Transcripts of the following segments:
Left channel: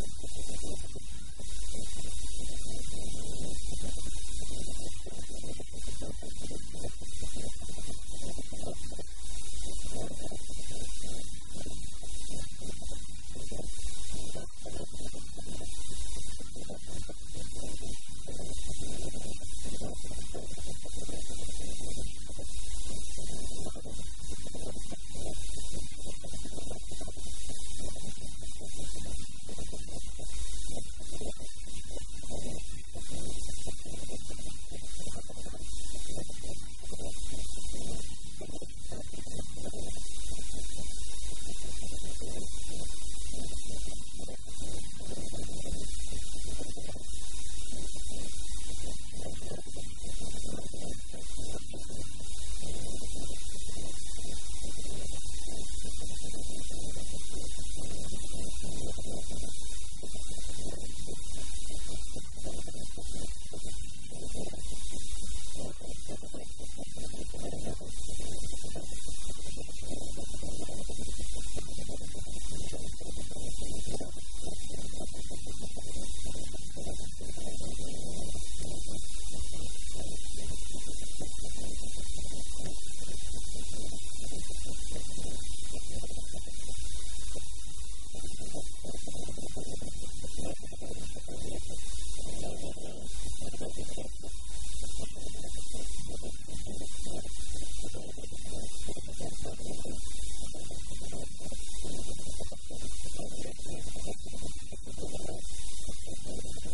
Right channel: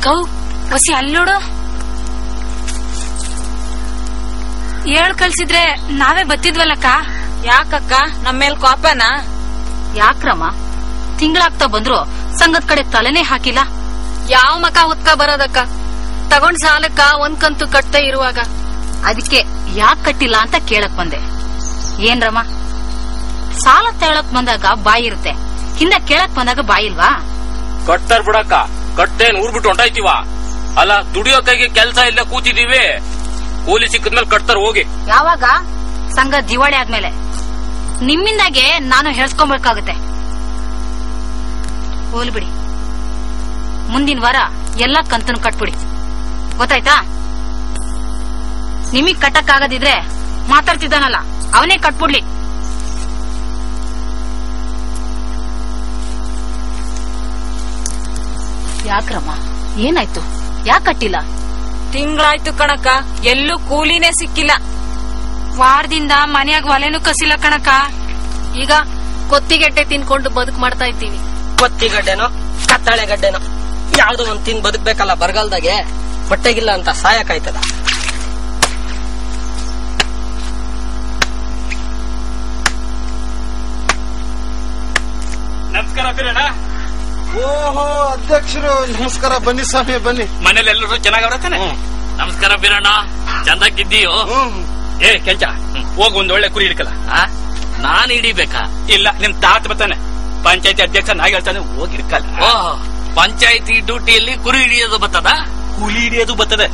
ಅಕ್ಕವು ಹೊಸಿ ಅಲ್ಲೋಡು. ಹೇಳ್ ಕಳ್ಸಿದ್ರೆ ನಾವೇ ಬತ್ತಿದ್ವಲ್ಲಕ್ಕ. ಯಾಕಕ್ಕ ನಮ್ಮೇಲ್ ಕೋಪನ? ಯಾಕ್ರಮ್ಮ ತಿಂಗಳಾಗ್ತಾ ಬಂದ್ರು ಸಂಘದ ಕಡೆ ತಲೆನೇ ಹಾಕಿಲ್ಲ. ಯಾವ ಮಕ ಹೊತ್ಕ ಬರೋದಕ್ಕ? ತಗೊಂಡ್ ಸಾಲಕ್ಕ ಒಂದ್ ಕಂತು ಕಟ್ತಾ ಇರುವಾಗ ಅದಕ್ಕೆ ಯಾಕ್ ಕಟ್ಟಿಲ್ಲ ಅಂತ ಕೇಳಕ್ ಬಂದೆ. ಏನ್ರಮ್ಮ ಸಾಲ ತಗೊಳಕ್ ಬಂದಾಗ ಬಾಯಿ ಇರುತ್ತೆ, ಹಿಂದ ಕೇಳಕ್ ಬಂದಾಗ ಬಾಯಿ ಇಲ್ವಾ? ಕಟ್ತಾರ ಬಿಡಕ್ಕ, ಕಟ್ಟೇನ್ ಊರ್ ಬಿಟ್ಟು ಹೊಂಟಾಯ್ತಿವ. ಅಲ್ಲ ದುಡಿಯೋ ಕೈಗೆ ಕೆಲ್ಸ ಇಲ್ಲ ಕೂತಿದೀವಿ, ಕೂಲಿ ಸಿಕ್ಕದ್ಮೇಲೆ ಕಟ್ತಾರ ಹೋಗಿ. ಯಾವಾಗ? ಸಂಘ ದಿವಾಳಿ ಆದ್ಮೇಲೆ. ನಿಮ್ಮಿಂದಾಗೆ ನಾನು ಹೇಳ್ಸ್ಕೊಬೇಕಾಗುತ್ತೆ. ಹೋಲ್ ಬಿಡಿ, ಮುಂದಿನ ವಾರ ಎಲ್ಲಾ ಕಂತನ್ನು ಕಟ್ಬಿಡಿ, ಗೊತ್ತಾಯ್ತಾ? ನಿಮಗ್ ಕಟ್ಟಕ್ ಆಗದಿದ್ರೆ ಮಾತಾಡ್ತಿದ್ದಾನಲ್ಲ ಅವನೇ ಕಟ್ಬಿಡ್ಲಿ. ಯಾಕ್ರಮ್ಮ ಏನಾಯ್ತು? ಯಾಕೆ ಕಟ್ಟಿಲ್ಲ? ತಿಂಗಳಾಯ್ತು ಕಣಕ್ಕ, ಎಲ್ಲೂ ಕೂಲಿನೇ ಸಿಕ್ಕಿಲ್ಲ. ವಾರದಿಂದ ಮನ್ಯಾಗ ಒಲೆನೂ ಕಸಿಲ್ಲ ಕಣಕ್ಕ. ಈಗ ಕೊತ್ತಿಗೆಡ್ಡೆ ತಿನ್ಕೊಂಡು ಬದುಕು ಮಾಡ್ತಾ ಇದ್ದೀವಿ. ಕೊತ್ತಿಗಡ್ಡೆನೋ ಕತ್ತಾಳೆ ಗಡ್ಡೆನೋ ಯಾವ್ದೋ ಒಂದ್ ತಿನ್ ಬದುಕ್ಬೇಕಲ್ಲ. ಬರಗಾಲದಾಗೆ ಬಟ್ಟೆಗಿಲ್ಲ ಅಂತ ಸಾಯಕಾಯ್ತದ. ನಮಸ್ಕಾರ ಬೀರಣ್ಣ. ಓಹೋ ಅಧ್ಯಕ್ಷರು ನಮಸ್ಕಾರ. ಬನ್ನಿ ಸ್ವಾಮಿ ಬನ್ನಿ. ಮನೇಲಿ ಎಲ್ಲರೂ ಚೆನ್ನಾಗವ್ರ ತಾನೆ? ನಮಸ್ಕಾರ ಬೀರಣ್ಣ, ಚಂದಾಗಿದ್ದೀಯೋ? ಏ ಕೆಂಚ, ಹೋಗ್ ಒಂದ್ ಒಳ್ಳೆ ಕುರಿ ಹಿಡ್ಕಲ್ಲ. ನಾನ್ ಹಿಡಿಬೇಕಾ? ಇಲ್ಲ, ನಿಮ್ ತಾತ ಬರ್ತಾನೆ, ಪಂಚಾಯತಿ ಅಧ್ಯಕ್ಷ ನಾ ಹೇಳ್ತಾನೆ, ಹೋಗಿ ಹಿಡ್ಕಲ್ಲ. ಓಹ್, ಪಂಚಾಯತಿ ಡ್ಯೂಟಿಯಲ್ಲಿ ಕುರಿ ಹಿಡಿಯೋದು ಬರ್ತದ? ಕೂಲಿ ಹಿಡಿಯೋದು ಬರ್ತದೆ.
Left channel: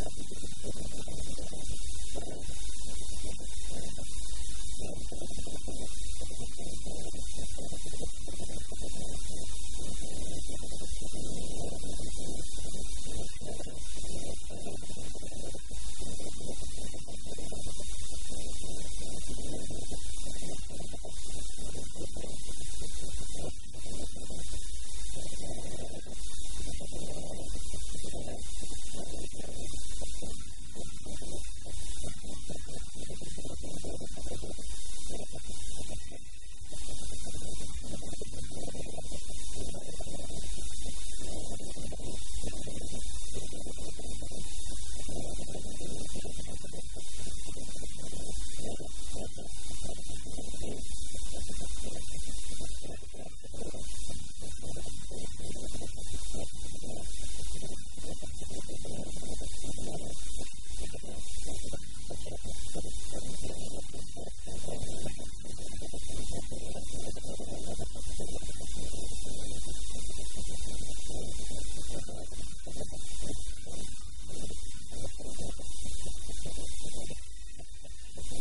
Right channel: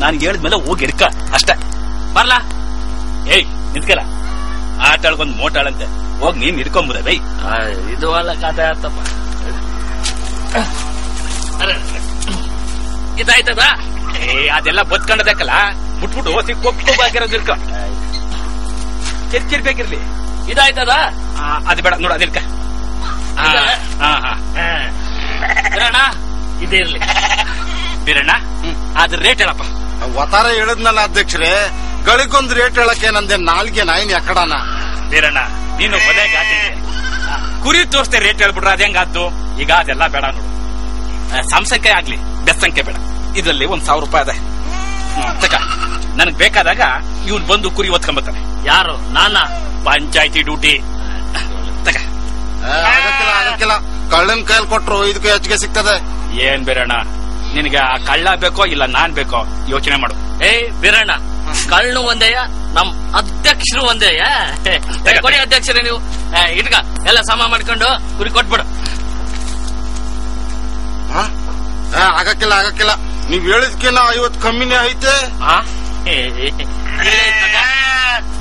ನಾನ್ ಹೇಳಿದ್ಮೇಲೆ ಹೋಗಿ ಹಿಡ್ಕ ಅಷ್ಟೇ. ಬರ್ಲಾ? ಏಯ್ ನಿಂತ್ಕಲ್ಲ, ಆಟಾಳ್ಗೊಂದ್ ಮೋಟಾಳಂತೆ, ಹೋಗ್ ನೀನ್ ಹಿಡ್ಕೊಂಬುದ ಬೈ. ಇದು ಅಲ್ಲ ಕಥೆ ಆತಪ್ಪ. ಇದಾಯ್ತದ? ಅದೆಲ್ಲ ಬದ್ಕೊಂಡದಕ್ಕಲ್ಲ, ಮುಟ್ಬಿಟ್ಟು ಸಿಕ್ಕೋಗಿರೋದಿರ್ಕ ಕಿರ್ಕಿರ್ಬೇಕಿರ್ಲಿ. ಇದಾಯ್ತದ? ಅದು ಬೇಡ ನೋಡ, ಅದಿರ್ಕ. ಬೀರಣ್ಣ ಇದಿರ್ಲಿ. ಬೀರಣ್ಣ ಅದ್ರ ರೇಟ್ ಹೇಳಪ್ಪ. ವತಾರ ಹೇಳದ್ನಲ್ಲ ಅಧ್ಯಕ್ಷರೇ, ಗಳಿಗೊಂದ್ ರೇಟ್ ಹೇಳಕ್ಕೆ ನಂದೆ ನಾಲ್ಗೆ ನಾಯಿನ್ ಎಕ್ಕಡಾನ. ಬೀರಣ್ಣ ನೀನು ಕೊನೆಗೆ ಆತಿದ್ದೆ, ಕುರಿ ತೋರಿಸ್ತೆ ರೇಟ್ ಹೇಳ್ಬಿಟ್ರೆ ಅದ್ ಹೆಂಗಾದ್ದು? ಈಗ ಅದೆಲ್ಲ ಬೇಡ ನೋಡು, ಸಂಸಂಖ್ಯೆ ಆಗ್ಲಿ ಬೆಸ್ತಂಖ್ಯೆ ಬೇಡ. ಇದ್ರಲ್ಲಿ 1,000 ರೂಪಾಯಿ ಅದ. ತಕ, ನನಗ್ ಬೇಕಾದಾಗ ಇವ್ನು ಬಂದು ಕುರಿ ಒತ್ಕೊಂಬತ್ತಾನೆ. ಯಾರು? ನಾನಾ? ಪಂಚಾಯತಿ ಡ್ಯೂಟಿ. ತಕ. ಆಗಕ್ಕಿಲ್ಲ, ಕಳ್ಳನ್ ಕೈಯಲ್ಲಿ ಕೊಟ್ರು ಇದಕ್ಕೆ ಹೆಚ್ಚಿಗೆ ಸಿಗ್ತದೆ. ಏನ್ ಬೀರಣ್ಣ, ನಿನಗೆ ಆ ಕಳ್ಳ ಬೇಕೋ ಇಲ್ಲ ನಾನ್ ಬೇಕೋ ಯೋಚನೆ ಮಾಡು. ಬೀರಣ್ಣ, ಕಳ್ಳು ಒಂದೇಯ, ನಮ್ ಅಧ್ಯಕ್ಷರು ಒಂದೇಯ. ಕೊಡಿ ಅಧ್ಯಕ್ಷರೇ ನೀವು. ಇಟ್ಕ ಎಲ್ಲ ಸಮ ಮಾಡ್ಕೊಂಡು ಕುರಿ ಕೊಟ್ಬಿಡು. ಆಗಕ್ಕಿಲ್ಲ, ನೀವ್ ಹೇಳಿದ್ಕಿನ್ನ 50 ಕಮ್ಮಿನೇ ಐತೆ.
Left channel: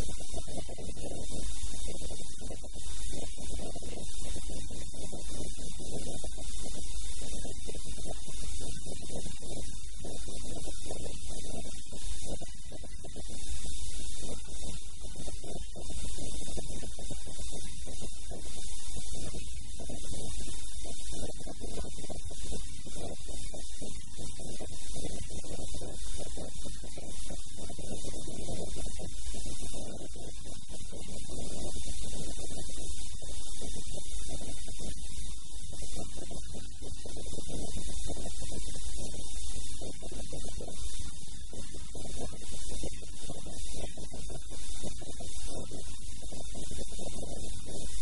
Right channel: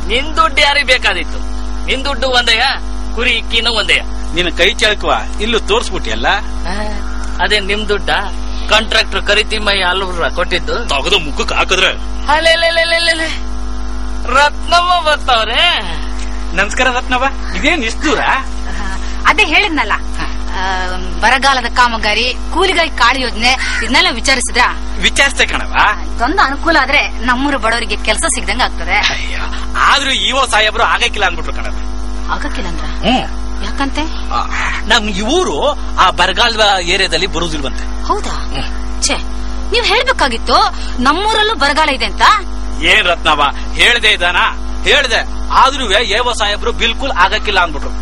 ನಿನ್ ದುಡ್ಡು ಯಾರಿಗೆ ಬೇಕಾದಿತ್ತು? ನಿನ್ ದುಡ್ಡು ಒಂದೇಯ, ಕುರಿ ಇಕ್ಕಿನೂ ಒಂದೇಯ. ನಿನ್ ಕೈ ಚಳಕುವ ಇಲ್ಲೂ ತೋರ್ಸ್ಬಿಟ್ಟಿಯಲ್ಲ. ಅದೇ ನಿಮ್ ದುಡ್ಡ? ಕಾಂಟ್ರಾಕ್ಟರ್ ಕರಿತಿಮ್ಮಯ್ಯ ಅಲ್ವ್ರ ಕೊಟ್ಟಿದ್ದು? ತಗದು ಮುಖಕ್ಕೆ ಹಾಕಿದ್ರೆ ಅಲ್ಲೇ ರತ್ನಮ್ಮ ಬರ್ತಾವ್ರೆ. ನಮಸ್ಕಾರ ರತ್ನವ್ವ, ಇದೇನ್ ಇಷ್ಟು ದೂರ? ಅದೇ ಹೇಳಿದ್ನಲ್ಲ, ಬರಗಾಲದ ಕಾಮಗಾರಿ, ಕೂಲಿಗಾಗಿ ಕಾಳು ಯೋಜನೆ ಇದನ್ನೆಲ್ಲ ವಿಚಾರಿಸಿದ್ರ? ವಿಚಾರಿಸ್ತೆ ಕಣವ. ಇದೊಂದು ಅನುಕೂಲ ಆದ್ರೆ ನಮ್ಮೂರ ಬಡವರಿಗೆ ಕೆಲಸ ಸಿಗ್ದಂಗ ಆಗ್ತದೆ. ಆದ್ರೂ ಇವ ಸಾಹೇಬ್ರು ಆಗಕ್ಕಿಲ್ಲ ಅನ್ಬಿಟ್ರು ಕಣವ. ಆಗಕ್ಕಿಲ್ಲ ಅಂದ್ರ? ಯಾಕಂತೆ? ನಮ್ ಇವರು ಆ ಬರಗಾಲ ಏರಿಯಾದಲ್ಲಿ ಬರುದಿಲ್ವಂತೆ. ಹೌದಾ? ಛೇ, ನೀವ್ ಹೇಳ್ಬೇಕಾಗಿತ್ತು ನಮ್ಮೂರಲ್ಲೂ ಬರಗಾಲ ಇದೆ ಅಂತ. ಏನ್ ರತ್ನವ, ಹೇಳ್ದೆ ಇದಾನ? ಹೇಳ್ದೆ, ಆದ್ರೂ ಏವ ಸಾಹೇಬ್ರು ಬಿಲ್ಕುಲ್ ಆಗಕ್ಕಿಲ್ಲ ಅನ್ಬಿಟ್ರು.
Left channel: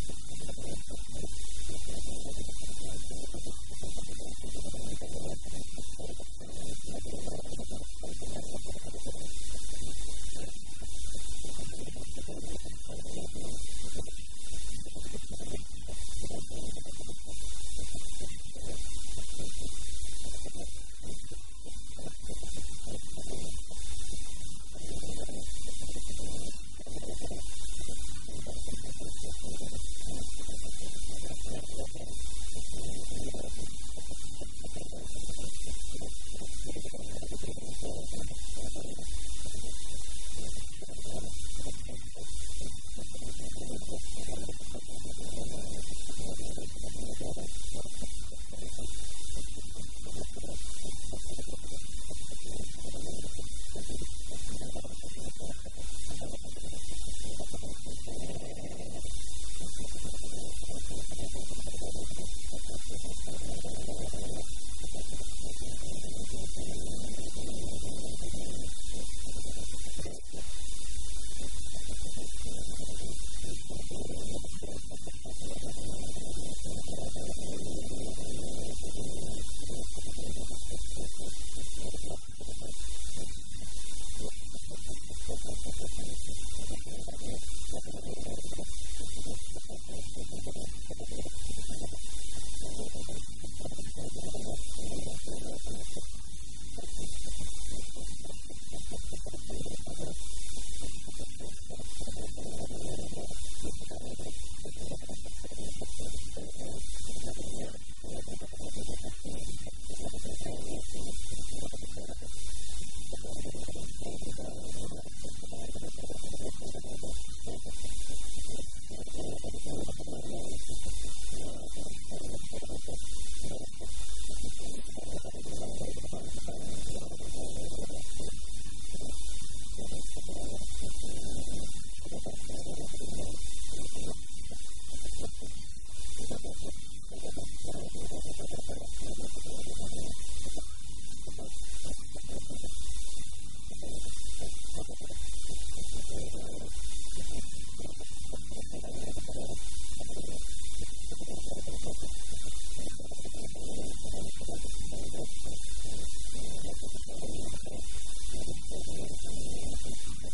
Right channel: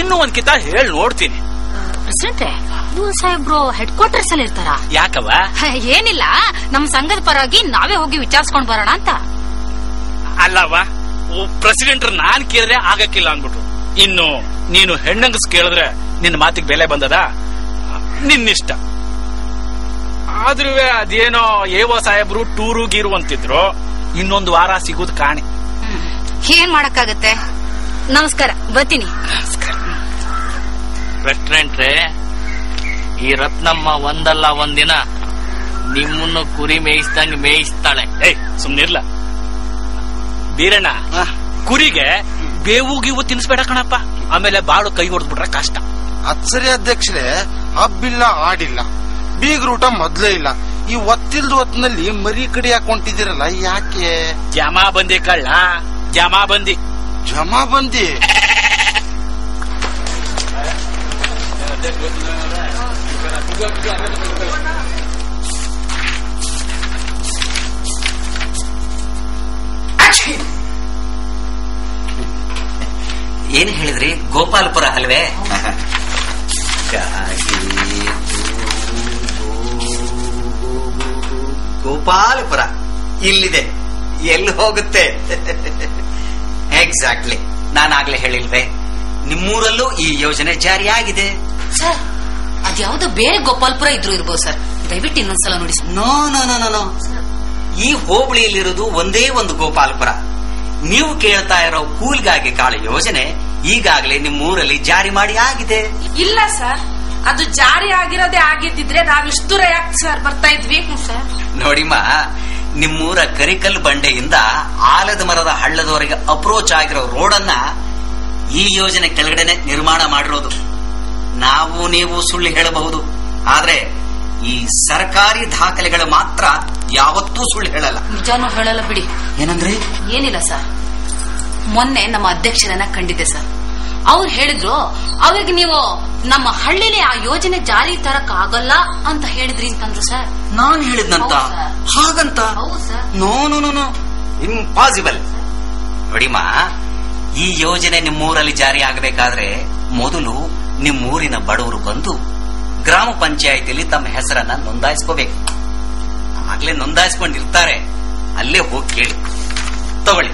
ಇನ್ನು ಒಂದ್ ಕಿತ ಹೇಳ್ ನೋಡ್ತೀನಿ. ಪ್ರೆಸಿಡೆಂಟ್, ಇವ್ರು ಸಾಹೇಬ್ರು ಹೆಡ್ ಕ್ವಾರ್ಟರ್ಸ್ ಅಲ್ಲಿ ಇರ್ತಾರ? ಯಾಕವ? ಏನಿಲ್ಲ, ನಮ್ ಸಂಘದ ಪರವಾಗಿ ನಾವೇ ಹೋಗಿ ವಿಚಾರಿಸ್ಕೊಂಡ್ ಬರೋಣ ಅಂತ. ಅಲ್ಲವ, ಪ್ರೆಸಿಡೆಂಟ್ ನಾನ್ ಕೇಳಿದ್ರೆ ಆಗಕ್ಕಿಲ್ಲ ಅನ್ಬಿಟ್ರು. ಇನ್ನು ನೀನು ಹೆಣ್ಣಂಗಸ್ ಕೇಳಿದ್ರೆ ನಿನ್ನ ಮಾತಿಗೆ ಬೆಲೆ ಬಂದದ? ನಿನ್ನಿಷ್ಟ. ಆದ್ರೂ ಅದೇನೋ ಏವೋ ಸಾಹೇಬ್ರು ಟೂರು ಗೀರು ಅಂತಿದ್ರು. ಇನ್ನೊಂದು ವಾರ ಸಿಗೋದು ಕಾಣಿ. ಏನ್ ಮಾಡಕ್ಕಾಗತ್ತೆ. ನಮಸ್ಕಾರ, ಬರ್ತೀನಿ. ಪ್ರೆಸಿಡೆಂಟ್ರೇ, ಈ ರತ್ನಮ್ಮ ಒಂದಲ್ಲ ಒಂದಿನ ನಿಮ್ಮನ್ನು ಕುರಿ ಮೇಯಿಸ್ದಂಗೆ ಮೇಯಿಸ್ತಾಳೆ. ಸುಮ್ನಿರ್ಲ ಬೀರಣ್ಣ. ಕುರಿಗೆ ಬೇವು ಗೀವು ತಿನ್ಸ್ಬೇಡ ಕಣಪ್ಪ, ಆಮೇಲೆ ಬಾಳು ಕೈ ಹೊಡೆದ್ಬಿಟ್ರೆ ಕಷ್ಟ. ಅದ್ ಸರಿ ಅಧ್ಯಕ್ಷರೇ, ಹಬ್ಬಿಲ್ಲ ಆಡಿಲ್ಲ, ಬೀಗ್ರೂಟ ಮೊದ್ಲೇ ಇಲ್ಲ. ಈ ಒತ್ತಿಲ್ದ ಹೊತ್ತಿನಲ್ಲಿ ಮರಿ ಕಡಿ ಹಾಕೊಂಡಿದ್ದೀರಲ್ಲ, ಯಾಕೆ? ಜಮಾ ಬಂದಿ ಕಳ್ಳ, ಜಮಾ ಬಂದಿ. ಏನ್ ಹೇಳಿದ್ರಿ? ಗೋಪಾಲಪುರ ಅಲ್ವೇ? ಗೋಪಾಲಪುರ ಇಲ್ಲಿದೆ, ಎಲ್ಲಿ ಹೋಗುತ್ತೆ? ಎಕ್ಸಾಕ್ಟ್ಲಿ, ನಾನಾಗ್ಲೇ ಹೇಳಿಲ್ವೇ, ನಿಮ್ಮೂರಲ್ಲೂ ಈ ಯೋಜನೆ ಜಾರಿಯಾಗಿದೆ. ಸರ್, ಅದ್ಯಾವುದೋ ಬೇರೆ ಗೋಪಾಲ್ಪುರ ಇದ್ರು ಇರ್ಬೋದು ಸರ್, ದಯವಿಟ್ಟು ಇನ್ನೊಂದ್ಸಲ ನೋಡಿ. ನೋ ನೋ ನೋ ನೋ, ಈ ಹೋಬಳಿಯಲ್ಲಿರೋದು ಒಂದೇ ಒಂದು ಗೋಪಾಲಪುರ. ನೀವು ಕೇಳ್ತಾ ಇರೋ ಕೂಲ್ಗಾಗಿ ಕಾಳು ಯೋಜನೆ ಈಗಾಗಲೇ ನಿಮ್ಮೂರಲ್ಲಿ ಜಾರಿ ಮಾಡಿ ಆಗಿದೆ. ಇಲ್ಲ ಸರ್, ಅದು ಜಾರಿ ಆಗಿರೋದೇ ಆಗಿದ್ದಿದ್ರೆ ನಾವಿಷ್ಟು ದೂರ ಯಾಕೆ ಸರ್ ಬರ್ತಾ ಇದ್ವಿ? ಸರ್ ನೋಡಿಮ್ಮ, ನಿಮ್ಮೂರ ಕರಿಕಲ್ ಬಂಡೆಯಿಂದ ಆಲದ ಮರದ ಹಳ್ಳದವರೆಗೆ ಅಪ್ರೋಚ್ ಆಗಿರೋ ರೋಡನ್ನ ಈ ಯೋಜನೆ ಕೆಳಗಡೆನೆ ನಿರ್ಮಾಣ ಮಾಡಿರೋದು. ನಾವು ನೀವು ಸುಳ್ಳು ಹೇಳಬಹುದು, ಆದ್ರೆ ಈ ಸರ್ಕಾರಿ ದಾಖಲೆಗಳು ಮಾತ್ರ ಯಾವತ್ತೂ ಸುಳ್ಳು ಹೇಳಲ್ಲ. ನಿಜಾನು ಹೇಳಲ್ಲ ಬಿಡಿ. ಏನಂದ್ರೆ? ಏನಿಲ್ಲ ಸರ್, ಮೊನ್ನೆ ನಮ್ಮ ಅಧ್ಯಕ್ಷರನ್ನ ಕಂಡಿದ್ದೆ ಸರ್. ಅವ್ರು ಹೇಳಿದ್ರು ಅವ್ರಿಗೆ ನೀವು ನಮ್ಮ ಹಳ್ಳಿಲಿ ಆ ಯೋಜನೆ ಜಾರಿ ತರಕ್ ಆಗಲ್ಲ ಅಂತ ಹೇಳಿದ್ರಿ ಅಂತಂದ್ರು ಸರ್. ನಾನ್ ಹೇಳಿದ್ನಂತ? ಹಾಗಂತ? No no no no, impossible. ನೋಡಿಮ್ಮ, ಈ ಯೋಜನೆ ನಿಮ್ಮೂರಲ್ಲಿ ಜಾರಿ ಆಗಬೇಕಾದ್ರೆ ಮೊದಲು ನಿಮ್ಮೂರಿನ ಬಡವರು ಬಂದು ಗ್ರಾಮ ಪಂಚಾಯಿತಿಯಲ್ಲಿ ತಮ್ಮ ಹೆಸರನ್ನ ನೋಂದಾಯಿಸ್ಕೋಬೇಕು. ಆಗ್ಲೇ ನೋಂದಾಯಿಸ್ಕೊಂಡಿರ್ತಾರೆ, ಅಲ್ಲೇ ಹೋಗಿ ಕೇಳಿ. ತಗೊಳ್ಳಿ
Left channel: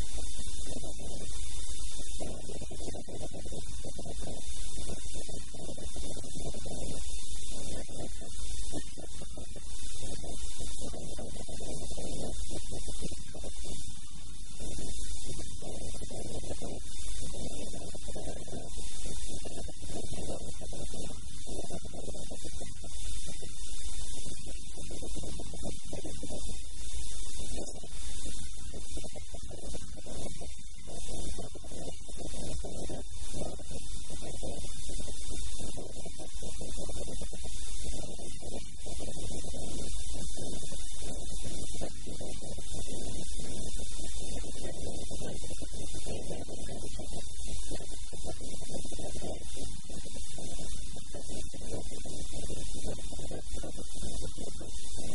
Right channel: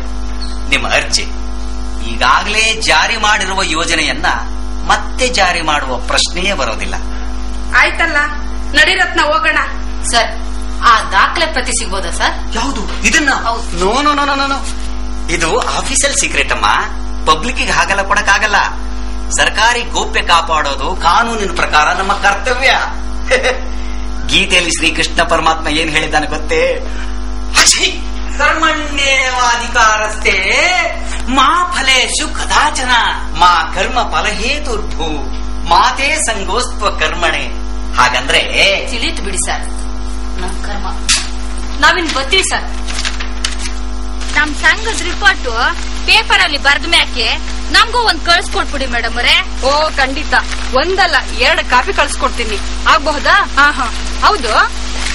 ನಿಮ್ಮ ಅರ್ಜಿ. ಈಗಾಗಲೇ ಜಾರಿ ಮಾಡಿರುವ ಯೋಜನೆಯನ್ನ ಮತ್ತೆ ಜಾರಿ ಮಾಡುವ ಪ್ರಶ್ನೆಯೇ ಬರೋದಿಲ್ಲ. ಆಯ್ತಲ್ಲ, ನಡಿರತ್ನ ಹೋಗೋಣ. ಸರ್, ಆ ದಾಖಲೆ ಪ್ರತಿ ಸಿಗ್ಬೋದಾ ಸರ್? ಯಾವುದು ಇದನ್ನ? No no no no no, ಇದು ಆಫೀಸಿಯಲ್ ಸೀಕ್ರೆಟ್ ಅಮ್ಮ, ಪಬ್ಲಿಕ್ ಹಾಗೆಲ್ಲ ಕೊಡಕ್ಕಾಗಲ್ಲ. ಸರ್ಕಾರಿ ಗೋಪ್ಯ ಕಾಪಾಡೋದು ಕಾನೂನಿನ ಪ್ರಕಾರ ನಮ್ಮ ಕರ್ತವ್ಯ. ಗೀತೆಯಲ್ಲಿ ಶ್ರೀಕೃಷ್ಣ ಪರಮಾತ್ಮ ಏನ್ ಹೇಳಿದ್ದಾನೆ ಗೊತ್ತೇ? ಕರ್ಮಣ್ಯೇವಾಧಿಕಾರಸ್ಥೆ ಮಾ ಫಲೇಶು ಕದಾಚನ ಮಾ ಕರ್ಮ ಫಲಹೇತುರ್ಭೂ ಮಾತೇ ಸಂಗೋಸ್ತ್ವ ಕರ್ಮಣೆ. ಹಾಗಂದ್ರೆ ತಿಳಿತು ಬಿಡಿ ಸರ್, ನಮ್ ಕರ್ಮ ನಾವಿನ್ ಬರ್ತೀವಿ ಸರ್. ನಮ್ ಸಂಘದ ರಿಪೋರ್ಟ್ ಪೇಪರ್ ಅಲ್ಲಿ ಬರ್ದ ಮ್ಯಾಕೆ ನಮ್ಗೂ ಒಂದ್ ಕಳ್ಸ್ಕೊಟ್ಬಿಡಿ ಮೇಡಮ್ ಅವರೇ. ಓ ಖಂಡಿತ, ಒಂದಲ್ಲ 2 ಕಾಪಿ ಕಳ್ಸ್ಕೊಡ್ತೀನಿ, ಆಗ್ಬಹುದಾ? ಹೌದು,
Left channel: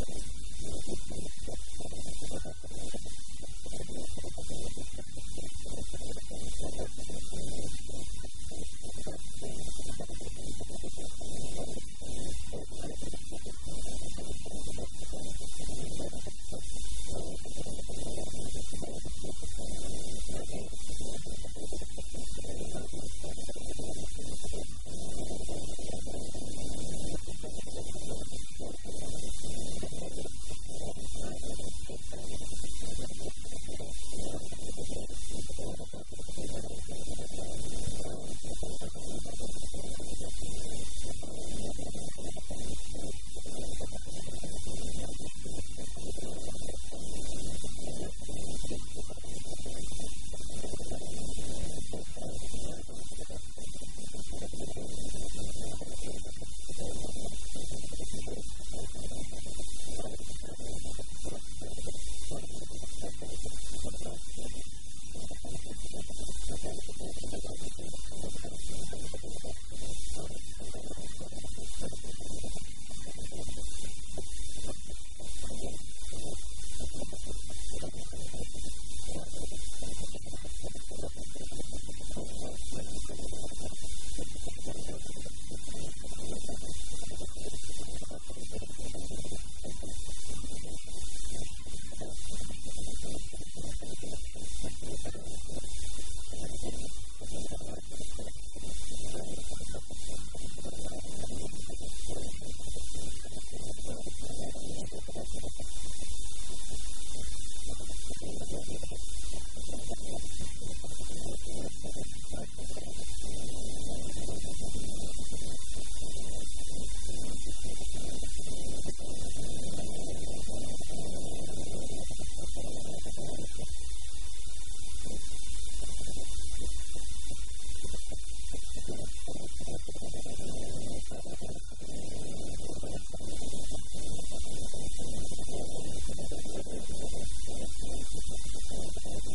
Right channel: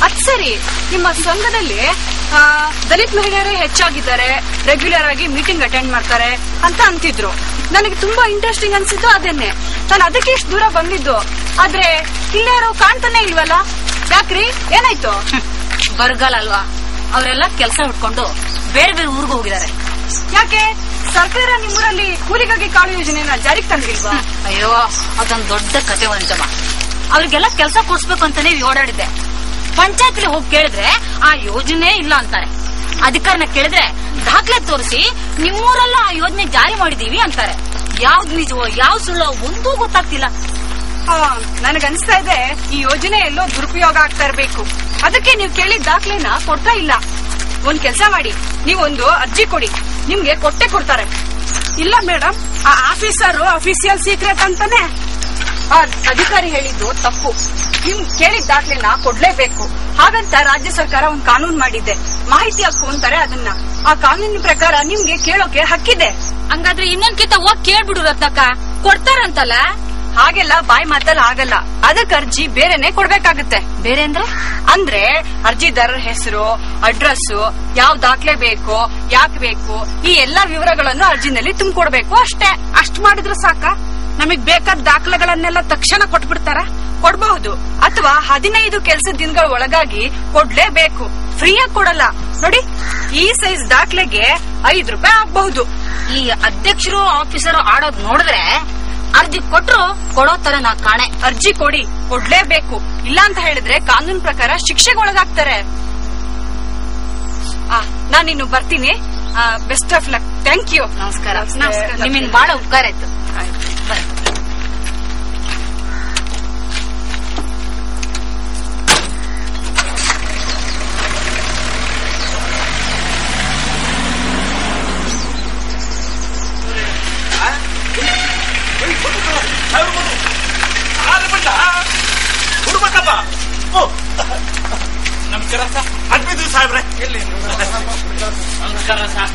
ಅದ್ ಸರಿ, ನಿಮ್ಮ ಸಂಘದಲ್ಲಿ ದಲಿತ ಮಹಿಳೆಯರೇ ಹೆಚ್ಚಾಗಿದ್ದಾರೆ, ರೆಗ್ಯುಲರ್ ಆಗಿ ಮೀಟಿಂಗ್ ಅಟೆಂಡ್ ಮಾಡ್ತಾರೆ ಅಂತ ಅಂತಿದ್ರು. ನನಗೆ ತುಂಬಾ ಇಂಟ್ರೆಸ್ಟಿಂಗ್ ಅನ್ಸಿದ್ದು ಅದನ್ನೇ. ನಾನು ಅದಕ್ಕೆ ಇಷ್ಟು ದೂರ ಬಂದಿದ್ದು. ಆದ್ರೆ ಇಲ್ಲೇ ಯಾರೋ ಕಾಣ್ತಾನೆ ಇಲ್ವಲ್ಲ, ಯಾಕ್ರಿ? ಏನಾಯ್ತು? ಬರಗಾಲ ಅಲ್ವಾ, ಅವರೆಲ್ಲ ಕೆಲಸ ಹುಡ್ಕೊಂಡು ಬೇರೆ ಬೇರೆ ಊರಿಗೆ ಹೋಗಿದ್ದಾರೆ. ಯಾಕೆ ಸರ್ಕಾರ ನಿಮ್ಮೂರಲ್ಲಿ ಕೂಲಿಗಾಗಿ ಕಾಳು ಯೋಜನೆನ ಜಾರಿಗೆ ತಂದಿಲ್ವಾ? ಅಯ್ಯೋ, ಅದೊಂದ್ ದೊಡ್ಡ ಕತೆ ಒಂಚಮ್ಮ. ಅವ್ರಿಗೆಲ್ಲ ಕೆಲಸ ಕೊಡ್ಸ್ಬೇಕು ಅಂತಾನೆ ಓಡಾಡಿದ್ದೆ. ಪಂಚಾಯತ್ಲಿ ಹೋಗಿ ಕೇಳಿದ್ರೆ ಆ ಯೋಜನೆ ಇಲ್ಲ ಅಂತಾರೆ. ಅಧಿಕಾರನ ಕೇಳಿದ್ರೆ ದಾಖಲೆ ತೋರಿಸಿ ನಿಮ್ಮೂರಲ್ಲ ಆ ಯೋಜನೆ ಜಾರಿ ಮಾಡಿದೀವಿ ಅಂತಾರೆ. ಯಾವ್ದು ನಿಜವೋ ಯಾವ್ದು ಸುಳ್ಳೋ ಒಂದೂ ಗೊತ್ತಾಗ್ತಿಲ್ಲ. ನನಗನ್ಸ್ತಾ ಇದೆ ಈ ಯೋಜನೆ ಎಲ್ಲೋ ದುರುಪಯೋಗ ಆಗ್ತಾ ಇರ್ಬೇಕು. ಅದಕ್ಕೆ ನೀವು ಕೇಳಿದ ದಾಖಲೆನ ಕೊಡ್ತಾ ಇಲ್ಲ. ಒಂದ್ ಕೆಲ್ಸ ಮಾಡಿ, ನೀವೊಂದು ಅರ್ಜಿ ಕೊಡಿ, ನಿಮ್ಗೆ ಕೊಟ್ಟೆ ಕೊಡ್ತಾರೆ. ಇಲ್ಲ ಮೇಡಮ್, ಆ ಆಫೀಸರ್ ಅಫಿಸಿಯಲ್ ಸೀಕ್ರೆಟ್ ಅಂತಾನೆ. ಆ ಅಧಿಕಾರಿ ಹೇಳಿದ್ದು ತಪ್ಪು. ನಿಮ್ ಕೇಳಿದ ದಾಖಲೆನ ಕೊಡ್ಲೇಬೇಕು. ಹಾಗಂತ ರಾಜ್ಯ ಸರ್ಕಾರ ಒಂದ್ ಕಾನೂನು ಮಾಡಿದೆ, ಮಾಹಿತಿ ಹಕ್ಕು ಅಂತಾರೆ ಅದನ್ನ. ಆ ಕಾನೂನಿನ ಪ್ರಕಾರ ನಿಮ್ಗೆ ಕೇಳೋಕೆ ಹಕ್ಕಿದೆ. ಹಂಗಾದ್ರೆ ಇನ್ನೊಂದ್ಕಿಂತ ಹೋಗಿ ಕೇಳ್ಬಿಡು ರತ್ನಕ್ಕ, ಕೊಡ್ತಾರಂತಲ್ಲ. ಹಾಗೆಲ್ಲ ಬಾಯಿ ಮಾತಲ್ಲ ಆಗಲ್ಲ, ಅದಕ್ಕೆ ಅರ್ಜಿ ಬೇರೆನೆ ಕೊಡ್ಬೇಕಾಗತ್ತೆ. ಬೇರೆ ಅಂದ್ರೆ ಅರ್ಜಿದಾರರ ಹೆಸರು, ಅಡ್ರೆಸ್, ಯಾವ ದಾಖಲೆ ಬೇಕು, ಯಾಕೆ ಬೇಕು, ಈ ಎಲ್ಲಾ ವಿವರಗಳನ್ನು ಅರ್ಜಿನಲ್ಲಿ ತುಂಬಿಕೊಡ್ಬೇಕು ಅಷ್ಟೇ. ಅಷ್ಟ್ ಮಾಡಿದ್ರೆ ಸಾಕ? ನಮಗ್ ಬೇಕಾದ ದಾಖಲೆಗಳನ್ನೆಲ್ಲ ತಕ್ಷಣ ಕೊಟ್ಬಿಡ್ತಾರ? ಕೊಡ್ಬಹುದು, ಅಥವಾ 15 ಕೆಲಸದ ದಿನಗಳ ಒಳಗಾಗಿ ಕೊಡ್ಲೇಬೇಕು. ಫ್ರೀಯಾಗಿ ಕೊಡಲ್ಲ. ನೋಡಿ, ಈ ಸೈಜ್ ದಾಖಲೆಗೆ 5 ರೂಪಾಯಿ ಆಗ್ಬಹುದು. ಈ ಅಧ್ಯಕ್ಷರು ಆಫೀಸರು ಆಡೋದ್ ನೋಡಿದ್ರೆ ಅರ್ಜಿ ಕೊಟ್ರು ಕೊಡೋ ತರ ನಾ ಕಾಣೆ. ಅರ್ಜಿ ಕೊಡಿ, ಕೊಡ್ಲೇಬೇಕು. ಇಲ್ಲ ಅಂತ ಹೇಳಿದ್ರೆ ಕಾನೂನು ಪ್ರಕಾರ ಶಿಕ್ಷೆಗೆ ಒಳಗಾಗ್ತಾರೆ. ನಾನಿನ್ನು ಬರ್ತೀನಿ. Best of luck. Thank you. ನಮಸ್ಕಾರ. ನಿಮ್ಮಿಂದ ಬಹಳ ಉಪಕಾರ ಆಯ್ತು. ನಮಸ್ಕಾರ ಸರ್. ಅಡ್ಮಿದ್ರು ಸಾಹೇಬ್ರೆ. ನಮಸ್ಕಾರ ಸರ್.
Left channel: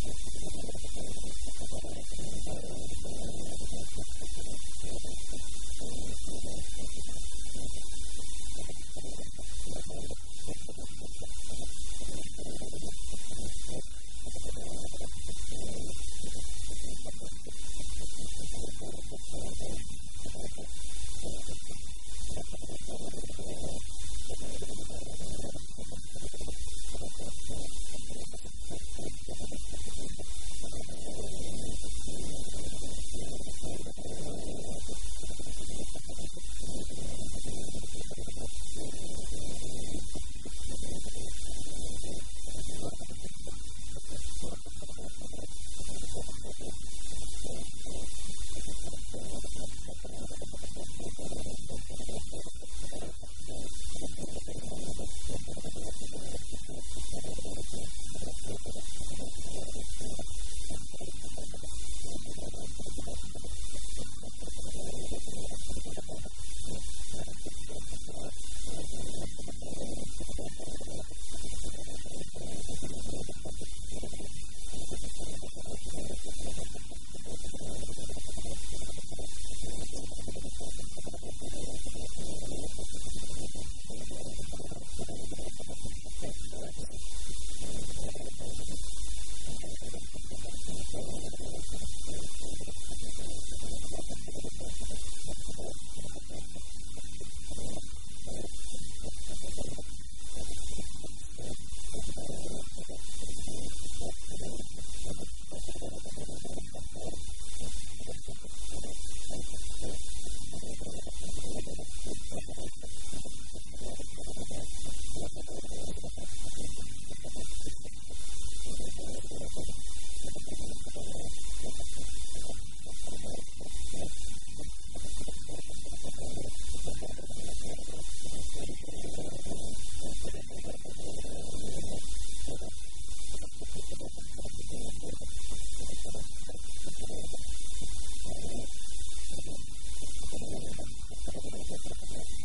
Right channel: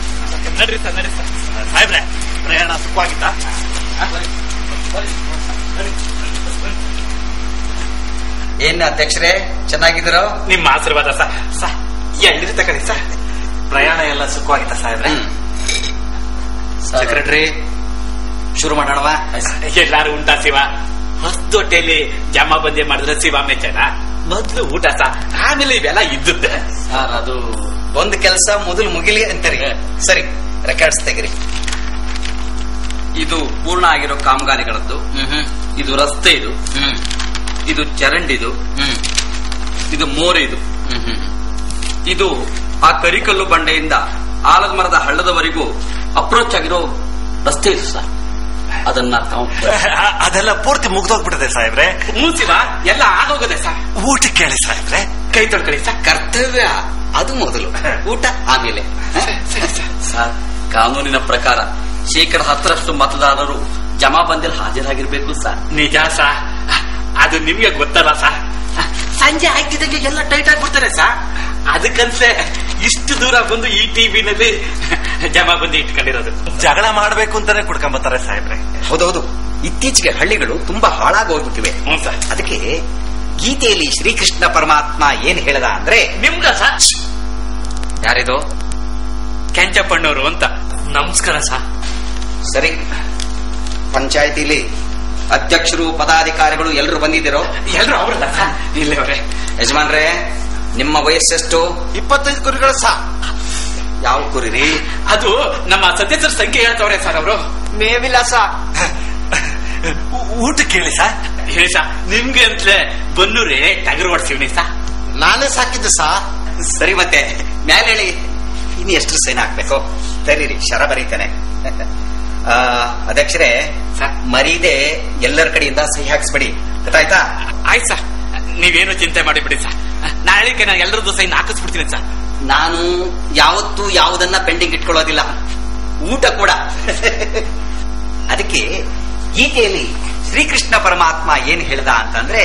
ನಡ್ರಿ ಸರ್, ನಡ್ರಿ ಸರ್. ಸಾಹೇಬ್ರೆ, ಪ್ರಯಾಣ ಸುಖವಾಗಿತ್ತಾ? ಏನ್ ಅಧ್ಯಕ್ಷರೇ, ಚೆನ್ನಾಗಿದ್ದೀರೋ? ನಿಮ್ಮ ಆಶೀರ್ವಾದ ಸರ್. ಎಲ್ಲಿರಿ ತಕಡಿ ಸರ್. ಪ್ರಯಾಣ ಎಲ್ಲ ಸುಖವಾಗಿತ್ತಾ ಸಾಹೇಬ್ರೆ? ಸೆಕ್ರೆಟರಿ, ಶುರು ಮಾಡೋಣವಾ? ಎಲ್ಲಾರು ಉಂಟಾ ಶಿವ? ಹೊಸದೊಟ್ಟೆಯಲ್ಲಿ ಜಮಾ ಬಂದೆ ಮಾಡಿದ್ರೆ ಶಿವ ಮೆಚ್ಚನ. ಮೊದ್ಲು ಊಟ ಆಮೇಲೆ ಇವೆಲ್ಲ ಇದ್ದದ್ದೆ ಸರ್. ಅದು ಒಂದು ಕೆಲಸ ಮೊದಲು ಮುಗಿಲಿ ಅಂತೀರಿ. ಸರಿ, ರೆಕಾರ್ಡ್ಸ್ ತೆಗಿರಿ. ಇದು ಪೂರ್ಣ ಆಗಿರೋ ಕಾಮಗಾರಿಗಳದ್ದು. ಇದು ರಸ್ತೆ, ಇದು ಚರಂಡಿದು, ಇದು ಮೋರೆದು, ಇದು ಆ ಕರಿಕಲ್ಲು ಬಂಡೆಯಿಂದ ಆಲದ ಮರದ ಹಳ್ಳದವರೆಗೂ ಅಪ್ರೋಚ್ ಆಗಿರೋ ರಸ್ತೆ ಇದು ಸರ್. ಅದನ್ನ ಅದೆಲ್ಲ ಪೂರ್ತಿ ಮುಗ್ದೋಗ್ಬಿಟ್ಟಿದೆ ಸಾಹೇಬ್ರೆ. ಶಿವ, ಎಲ್ಲ ಆಗೋಗದೆ ಸರ್. ಊಟಕ್ಕೆ ಕೇಳಿ ಸಾಹೇಬ್ರೆ. ಕೈ ತೊಳ್ಕೊಳ್ಳಿ ಸರ್. ಕರ್ತವ್ಯ ಅದು ಮೊದಲು, ಊಟ ಆಮೇಲೆ. ಸರ್, ಕಾನೂನಿನ ಪ್ರಕಾರ 10% ಮತದಾರರು ಜಮಾ ಬಂದಲ್ಲಿ ಹಾಜರಾಗಿರ್ಬೇಕು ಸರ್. ನಿಜ ಸರ್, ಅದು ನಿಮ್ಗೆ ಗೊತ್ತಲ್ಲ ಸರ್. ಸಂಜೆ ಆಯ್ತಿದಂಗೆ ಎಲ್ಲ ಟೈಟ್ ಆಗ್ಬಿಡ್ತಾರೆ ಸರ್. ಅದಕ್ಕನ್ಸೆ ಇಷ್ಟು ದೂರ ಬಂದು ಈ ಟಿವಿನಲ್ಲಿ ಜಮಾ ಬಂದು ಇಟ್ಕೊಂಡಿರೋದು. ಜಗಳ ಮಾಡ್ಬೇಕು ಅಂತಾನೆ ಕುಡ್ಕೊಂಬತ್ತಾರೆ ಸಾಹೇಬ್ರೆ. ಹೌದೌದು, ಇತ್ತೀಚೆಗೆ ಹಳ್ಳಿಗಳು ತುಂಬಾ ಹಾಳಾಗೋಗ್ಬಿಟ್ಟಿವೆ. ಅದಕ್ಕೆ ಗೀತೆಯಲ್ಲಿ ಶ್ರೀಕೃಷ್ಣ ಪರಮಾತ್ಮ ಏನ್ ಹೇಳ್ದ ಅಂದ್ರೆ, ನಿಮ್ಗ ಸರ್. ಯಾರಿದು? ಕೆಂಚಪ್ಪಣ್ಣವರು ಅಂತ. ನಮಸ್ಕಾರ ಸರ್. ಸರಿ, ಪಂಚಾಯತಿಲಿ ಅಧ್ಯಕ್ಷರು ಪದಾಧಿಕಾರಿಗಳು ಎಲ್ಲರೂ ಬಂದಿದ್ದೀರೋ? ಎಲ್ಲರೂ ಅವ್ರಲ್ಲ ಸರ್. ಇಲ್ಲವರೇ. ಯಜಮಾನ್ರೆ, ನಿಮ್ಮ ವಯಸ್ಸೆಷ್ಟು? 25 ಕುರಿಗಳ ಸಾ. ಯಾವ ಕುರಿರಿ? ಅದು ನಮ್ಮ ಸದಸ್ಯರ ಸಂಖ್ಯೆ ಹೇಳ್ತವ್ರೆ ಸರ್ ಅವರು. ಮೇವಿಲ್ಲ ಸಾ. ಊಟಕ್ಕೆ ಕೇಳಿ ಸಾ. ಹೇಳಿ ಸಾ, ನಿಮ್ಗೆ ಅಂತಲೇ ಬನ್ನೂರೇ ಟಗರು ಹೊಡ್ಸಿವ್ನಿ ಸಾ. ನಾನೇ ಸಾಕಿದ್ದೆ ಸಾ. ಸರಿ, ಮತ್ತೆ ಮ್ಯಾಲೆ ಹೇಳಿ. ಇನ್ನು ಎಷ್ಟು ಸೈನ್ ಹಾಕ್ಬೇಕು? ಸರಿ, ಶರ ಬರೀತೇನೆ. ಅಧ್ಯಕ್ಷರೇ, ಮರೀದೆ ಎಲ್ಲರ ಕಡೆಯಿಂದ ಸಹಿ ಹಾಕ್ಸ್ಬಿಡಿ, ಗೊತ್ತಾಯ್ತಾ? ಆಯ್ತು ಸರ್, ನೀವೇನು ಚಿಂತೆ ಮಾಡಿಬಿಡಿ ಸರ್. ನಾಳೆಗೆ ನಾನು ಎಲ್ಲರದ್ದು ಸೈನ್ ಹಾಕಿಸ್ಬಿಡ್ತೀನಿ ಸರ್. ನಾನು ಯಾವತ್ತೂ ಯಾವುದನ್ನ ಪೆಂಡಿಂಗ್ ಇಟ್ಕೊಳ್ಳೋದಿಲ್ಲ, ಊಟ ಕೂಡ. ಅದಕ್ಕೆ ಗೀತೆಯಲ್ಲಿ ಶ್ರೀಕೃಷ್ಣ ಪರಮಾತ್ಮ ಏನ್ ಹೇಳ್ದ ಅಂತಂದ್ರೆ,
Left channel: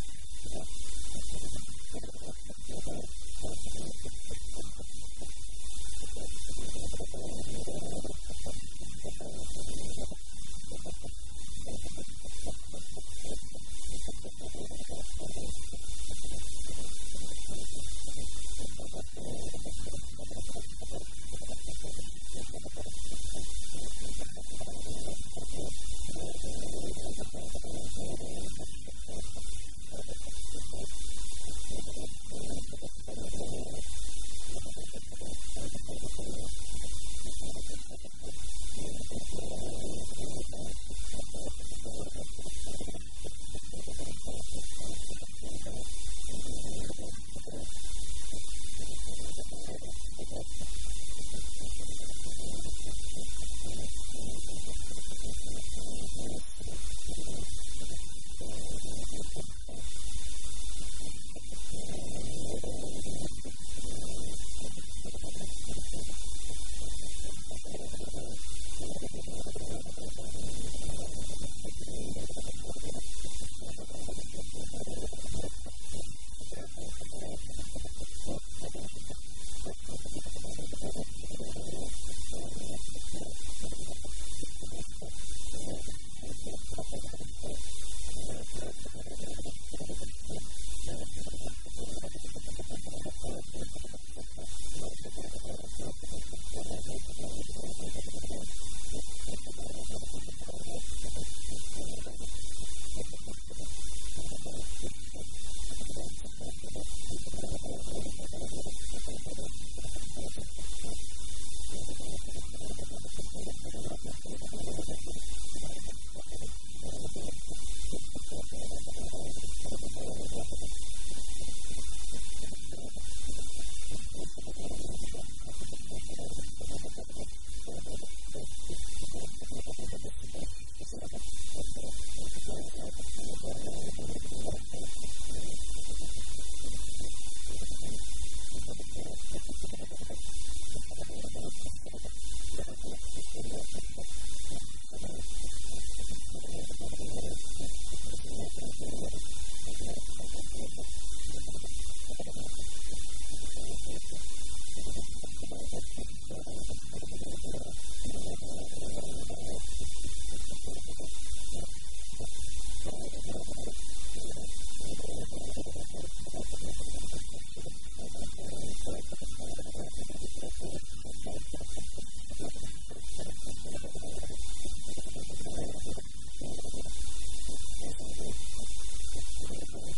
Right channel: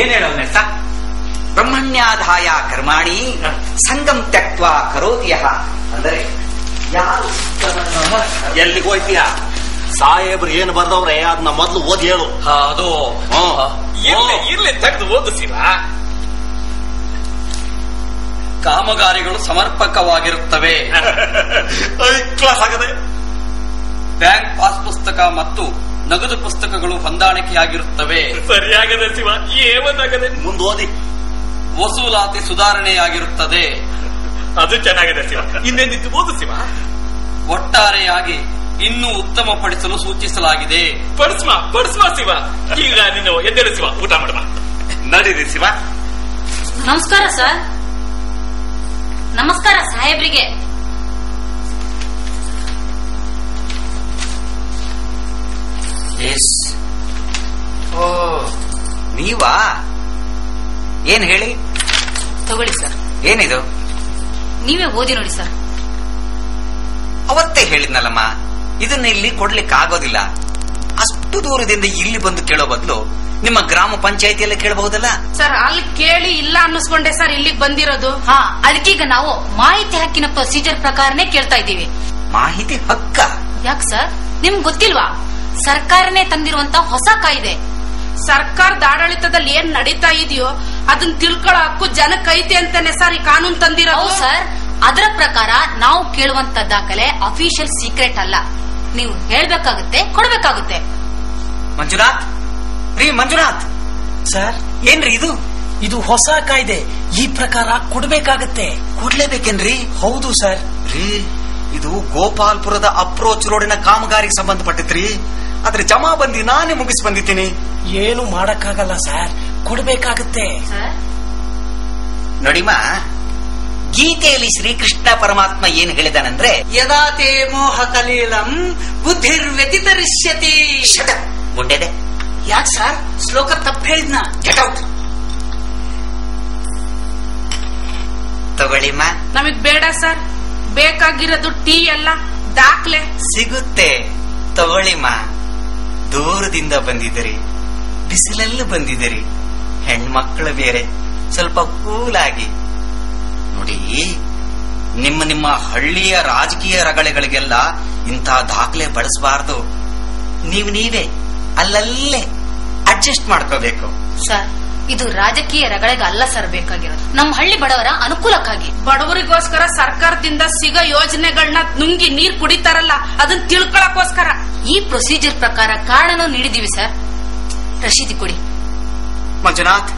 ಏನ್ ಹೇಳೋನೆ ಸರ್? ಬ್ರಹ್ಮಣ್ಯಾಧಾಯ ಕರ್ಮಾಣಿ ಸಂಗಂ ತ್ಯಕ್ವಾ ಕರೋತಿಯಃ. ಅಂದರೆ ಯಾರು ಎಲ್ಲಿಗೆ ಹೋಯ್ತೀಯ? ಸಾಹೇಬ್ರು ಏನ್ ಬರ್ದವ್ರೆ ಅದನ್ನ ಮೊದ್ಲು ಓದಿ ಹೇಳು. ಅದು ಇರ್ಲಿ ತೆಗೆದು ಓದು ಶಿವ. ಕಾಮಗಾರಿಗಳು ಸಮರ್ಪಕವಾಗಿರುತ್ತವೆ. ಕ್ಲಾಸ್ ಆಗದೆ. ಬ್ಯಾಂಕ್ ಪಾಸ್ ಪುಸ್ತಕ ಮತ್ತು ನಗದು ಪುಸ್ತಕಗಳು ಹೊಂದಾಣಿಕೆಯಾಗಿರುತ್ತವೆ. ಸರಿಯಾಗದೆ ಶಿವ, ಏನಾಗದೆ. ಮುಂದೋದಿ. ವಸೂಲಾತಿ ಸುಧಾರಣೆಯಾಗಿರುತ್ತದೆ. ಅದು ಚೆನ್ನಾಗಿದೆ ಶಿವ. ಇನ್ನೇನಿತ್ತು ಓದು ಶಿವ. ಒಟ್ಟಾರೆಯಾಗಿ ಇನ್ನೂ ಉತ್ತಮಪಡಿಸಲು ಸೂಚಿಸಲಾಗಿದೆ. ಪಡಿಸ್ಮ ಶಿವ. ಈಗ ನೀನು ಎದ್ದೇಳು ಶಿವ, ಊಟ ಮಾಡುವ. ನಡೀರಿ ಶಿವ. ನಮಸ್ಕಾರ ಸರ್. ನಮಸ್ಕಾರ ಸಾಹೇಬ್ರಿಗೆ. ಓ, ನೀವಾ? ಏನ್ ಹೇಳಿ? ತಗೊಳ್ಳಿ ಸರ್. ಏನಿದು? ನೀವೇ ಓದಿ ನೋಡಿ ಸರ್. ಅವತ್ತೇ ಹೇಳಿದ್ನಲ್ಲಮ್ಮ, ಇದನ್ನ ಇಲ್ಲಿ ಕೊಡ್ಲಿಕ್ಕೆ ಆಗೋದಿಲ್ಲ. ಅಷ್ಟು ದೂರದಿಂದ ಇಲ್ಲಿ ಬಂದು ಕೇಳೋ ಬದಲು ನಿಮ್ಮ ಗ್ರಾಮ ಪಂಚಾಯತಿಯಲ್ಲೇ ಕೇಳಬಹುದಲ್ಲ ಸರ್. ಅಲ್ಲಿ ಕೇಳಿ ಇಲ್ಲ ಅನ್ನಿಸ್ಕೊಂಡೆ ಸರ್ ಇಲ್ಲಿಗೆ ಬಂದಿರೋದು. ಹಾ, ಅದಕ್ಕೀಗ ನಾವು ಮಾಹಿತಿ ಹಕ್ಕಿನ ಪ್ರೊಸೀಜರ್ ಪ್ರಕಾರನೇ ಕೇಳ್ತಾ ಇದ್ದೀವಿ. ಮಾಹಿತಿ ಹಕ್ಕ? ಯಾಕೆ ಸರ್, ನಿಮ್ಗೆ ಗೊತ್ತಿಲ್ವಾ? ಸರ್ಕಾರನೇ ತಂದಿರುವಂತ ಹೊಸ ಕಾಯ್ದೆ. ಸರ್ಕಾರದ ಆಡಳಿತದಲ್ಲಿ ಏನ್ ನಡೀತಾ ಇದೆಯೋ ಅದನ್ನ ತಿಳ್ಕೊಳ್ಳೋ ಹಕ್ಕು ಜನಕ್ಕೈತೆ ಅಂತಾನೆ ಸರ್ ಈ ಕಾನೂನು ತಂದಿರೋದು. ಸರ್, ಅದರ ಪ್ರಕಾರ ನಾವು ಕೇಳುವಂತ ದಾಖಲೆ ಅಫಿಷಿಯಲ್ ಸೀಕ್ರೆಟ್ ಅಲ್ಲ. ನೀವು ಹೇಳ್ಬೇಕಾಗುತ್ತೆ, ಕೊಡ್ಬೇಕಾಗುತ್ತೆ. ಮಂಜುನಾಥ್, ಮಂಜುನಾಥ್ ಸರ್, ಏನ್ರಿ ಇದು? ಇದು ಹೊಸ ಕಾಯ್ದೆ. ಈ ಪ್ರಕಾರ ಕೊಡ್ಬೇಕಾಗತ್ತೆ. ಕೊಡ್ಲೇಬೇಕೇನ್ರಿ? ಹೌದು ಸರ್. ಇದು ಗೋಪಾಲ್ಪುರದ ಅಪ್ರೋಚ್ ರೋಡಿನ ಕಾಮಗಾರಿಗೆ ಸಂಬಂಧಪಟ್ಟಿದ್ರಿ. ಆದ್ರೆ ಜಮಾ ಬಂದಿ ನಾನೇ ಮುಗಿಸಿ ಬಂದಿದ್ದೀನಿ. ಏನು ಮಾಡಕ್ಕಾಗಲ್ಲ ಸರ್, ಕೊಡ್ಬೇಕಾಗತ್ತೆ. ನೋಡಿಮ್ಮ, ಗೀತೆಯಲ್ಲಿ ಶ್ರೀಕೃಷ್ಣ ಪರಮಾತ್ಮ ಏನ್ ಹೇಳಿದಾನಂದ್ರೆ, ಯದಾತೆ ಮೋಹ ಕಲೀಲಂ ಬುದ್ಧಿರ್ ವ್ಯತಿತರಿಷ್ಯತಿ. ಗುಂಡೆದೆ. ಯಾಕೆ ಸರ್, ಶ್ಲೋಕ ತಪ್ಪು ಹೇಳಿದ್ನ? Get out. ತಗೊಳ್ಳಿಮ್ಮ. ನಮಗ್ ಬೇಡ ಸರ್, ಬೇಕಾಗಿರೋದು ಟೀ ಅಲ್ಲ ದಾಖಲೆ. ಸಿಗುತ್ತೆ, ತಗೊಳ್ಳಿಮ್ಮ. ದೂರದಿಂದ ಬಂದಿದ್ದೀರಿ, ಬಿಸಿಲಲ್ಲೂ ಬಂದಿದ್ದೀರಿ, ಹೆಣ್ಮಕ್ಳು ಬೇರೆ, ಸ್ವಲ್ಪ ಕೂಲಾಗಿ ನೋಡಿ. ನಿಮ್ಮ ಹಳ್ಳಿಯ ರಾಜಕೀಯ ರಗಳೆಗಳಿಗೆಲ್ಲ ಇಂಥ ದಾಖಲೆ ಬಳಸಬಾರದು. ನೀವೇ ಅಲ್ಲಲ್ಲೇ ಅಡ್ಜಸ್ಟ್ ಮಾಡ್ಕೋಬೇಕು. ಸರ್, ಇದು ರಾಜಕೀಯ ರಗಳೆಗೆ ಅಲ್ಲ ಸರ್ ಬೇಕಾಗಿರೋದು, ನಮ್ಮ ಹಳ್ಳಿ ಬಡವರ ಅನುಕೂಲಕ್ಕಾಗಿ. ಬಡವರಿಗೋಸ್ಕರ ಸರ್ಕಾರದಿಂದ ಸಿಗೋ ಯೋಜನೆಗಳನ್ನ ನುಂಗಿ ನೀರ್ ಕುಡಿತಾರಲ್ಲ, ಅದನ್ನ ತಿಳ್ಕೊಳಕ್ಕೋಸ್ಕರ. ಈ ಪ್ರೊಸೀಜರ್ ಪ್ರಕಾರ ಕಾರಣನೂ ನೀಡಿದೀವಿ ಸರ್. ರಶೀದಿ ಕೊಡಿ. ಮಂಜುನಾಥ್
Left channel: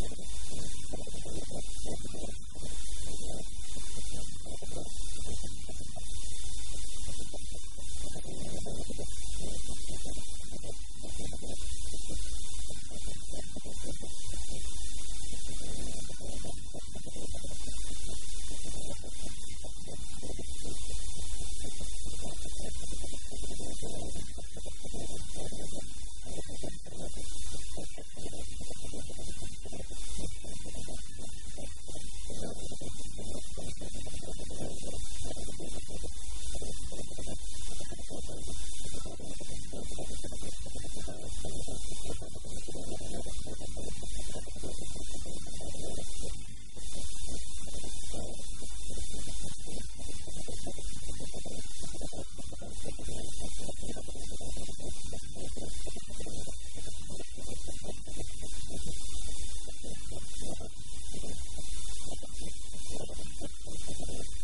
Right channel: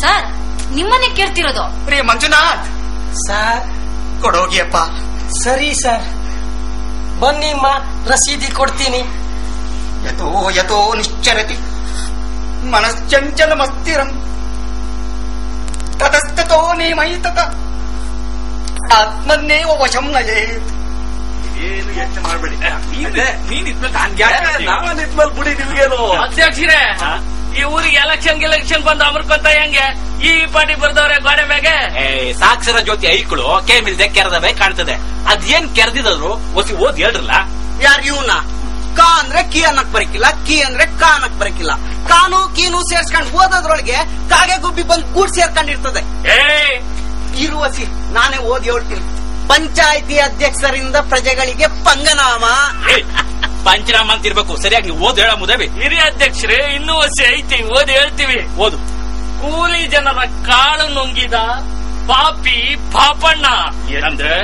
ಸರ್, ನಿಮ್ಮನ್ನೇ ಕೇಳ್ತಿರೋದು. ಪ್ರಿಯ ಮಂಜುನಾಥ್ ಸರ್ ಕೊಡೋಗಿಯಪ್ಪ. ಸರಿ ಸರ್, ಬನ್ನಿಮ್ಮ, ರಸೀದಿ ಕೊಡ್ತೀನಿ. ಯತೋ ಯತೋ ನಿಶ್ಚರತಿ ಮನಶ್ಚಂಚಲಮಸ್ತಿರಂ ತತಸ್ತತೋ ನೇಮೈತತ ಆತ್ಮನ್ನೇವ ವಶಂ ನಯೇತ್. ಏನು ಯೋಚನೆ ಮಾಡಬೇಡಿ. ನೀನ್ ಇದ್ಮೇಲೆ ನಾವನ್ನಿದ್ಮೇಲೆ ಬಿಡಿ ನಿಮ್ಗೇನು. ಅಧ್ಯಕ್ಷರೇ, ಈ ಊರಿಗೆ ಎಲೆಕ್ಷನ್ ಬಂದು ಅಮರ್ಕೊಂತ ಹೆಂಗೆ ಈ ಪಾಟಿ ಬರ್ದವ್ರೆ ಗೋಡೆ ಮ್ಯಾಗೆ. ಸಾಕ್ಷರ ಜ್ಯೋತಿ ಐಕ್ಳು ಕೇಮಿಲ್ದೆ ಕೆರೆದವೆ ಕಾಣ್ತದೆ. ಅದೇನ್ ಕೆರೆದಿದ್ರು ಒಸಿ ಓದ್ ಹೇಳ್ರಲ್ಲ. ಯಾರು ಇವನ ಕಾ ಅಂದ್ರೆ ಕಿ ಅನ್ನಕ್ ಬರಕಿಲ್ಲ, ಕಿ ಅಂದ್ರೆ ಕಾ ಅನ್ನಕ್ ಬರಕಿಲ್ಲ. ಕಾನು ಕೀನು ಸೇರ್ಸ್ಕೊಂಡ್ ಓದೋದ್ರೊಳಗೆ ಕಾಗೆ ಗುಬ್ಬಿ ಬಂದ್ ಗೂಡ್ ಸೇರ್ಕೊಂಡಿರ್ತದೆ. ಇರುವಸಿ ನಾನೇ ಓದಿ ಹೇಳ್ತೀನಿ. ಪಂಚಾಯಿತಿ ಅಧ್ಯಕ್ಷರಿಂದ ಪ್ರಜೆಗಳಿಗೆ ಪಂಗನಾಮ. ಪಂಚನಾಮ ಅಂತ ಇರ್ಬೇಕು. ಸರಿಯಾಗಿ ನೀವು ಓದ್ ಹೇಳ ಮುದೇವಿ. ಹಿರಿಯ ಅಧ್ಯಕ್ಷರೇ, ಇನ್ನೂ ವರ್ಷ ಐತಿ, ಓದಿ ಹೇಳ್ತೀವಿ. ಓದು. ಕೂಲಿ ಜನರ ಕಾಳು ನುಂಗಿದ ಪಾಪಿ ಪಾಪಣ್ಣ. ಏನಂದ್ರೆ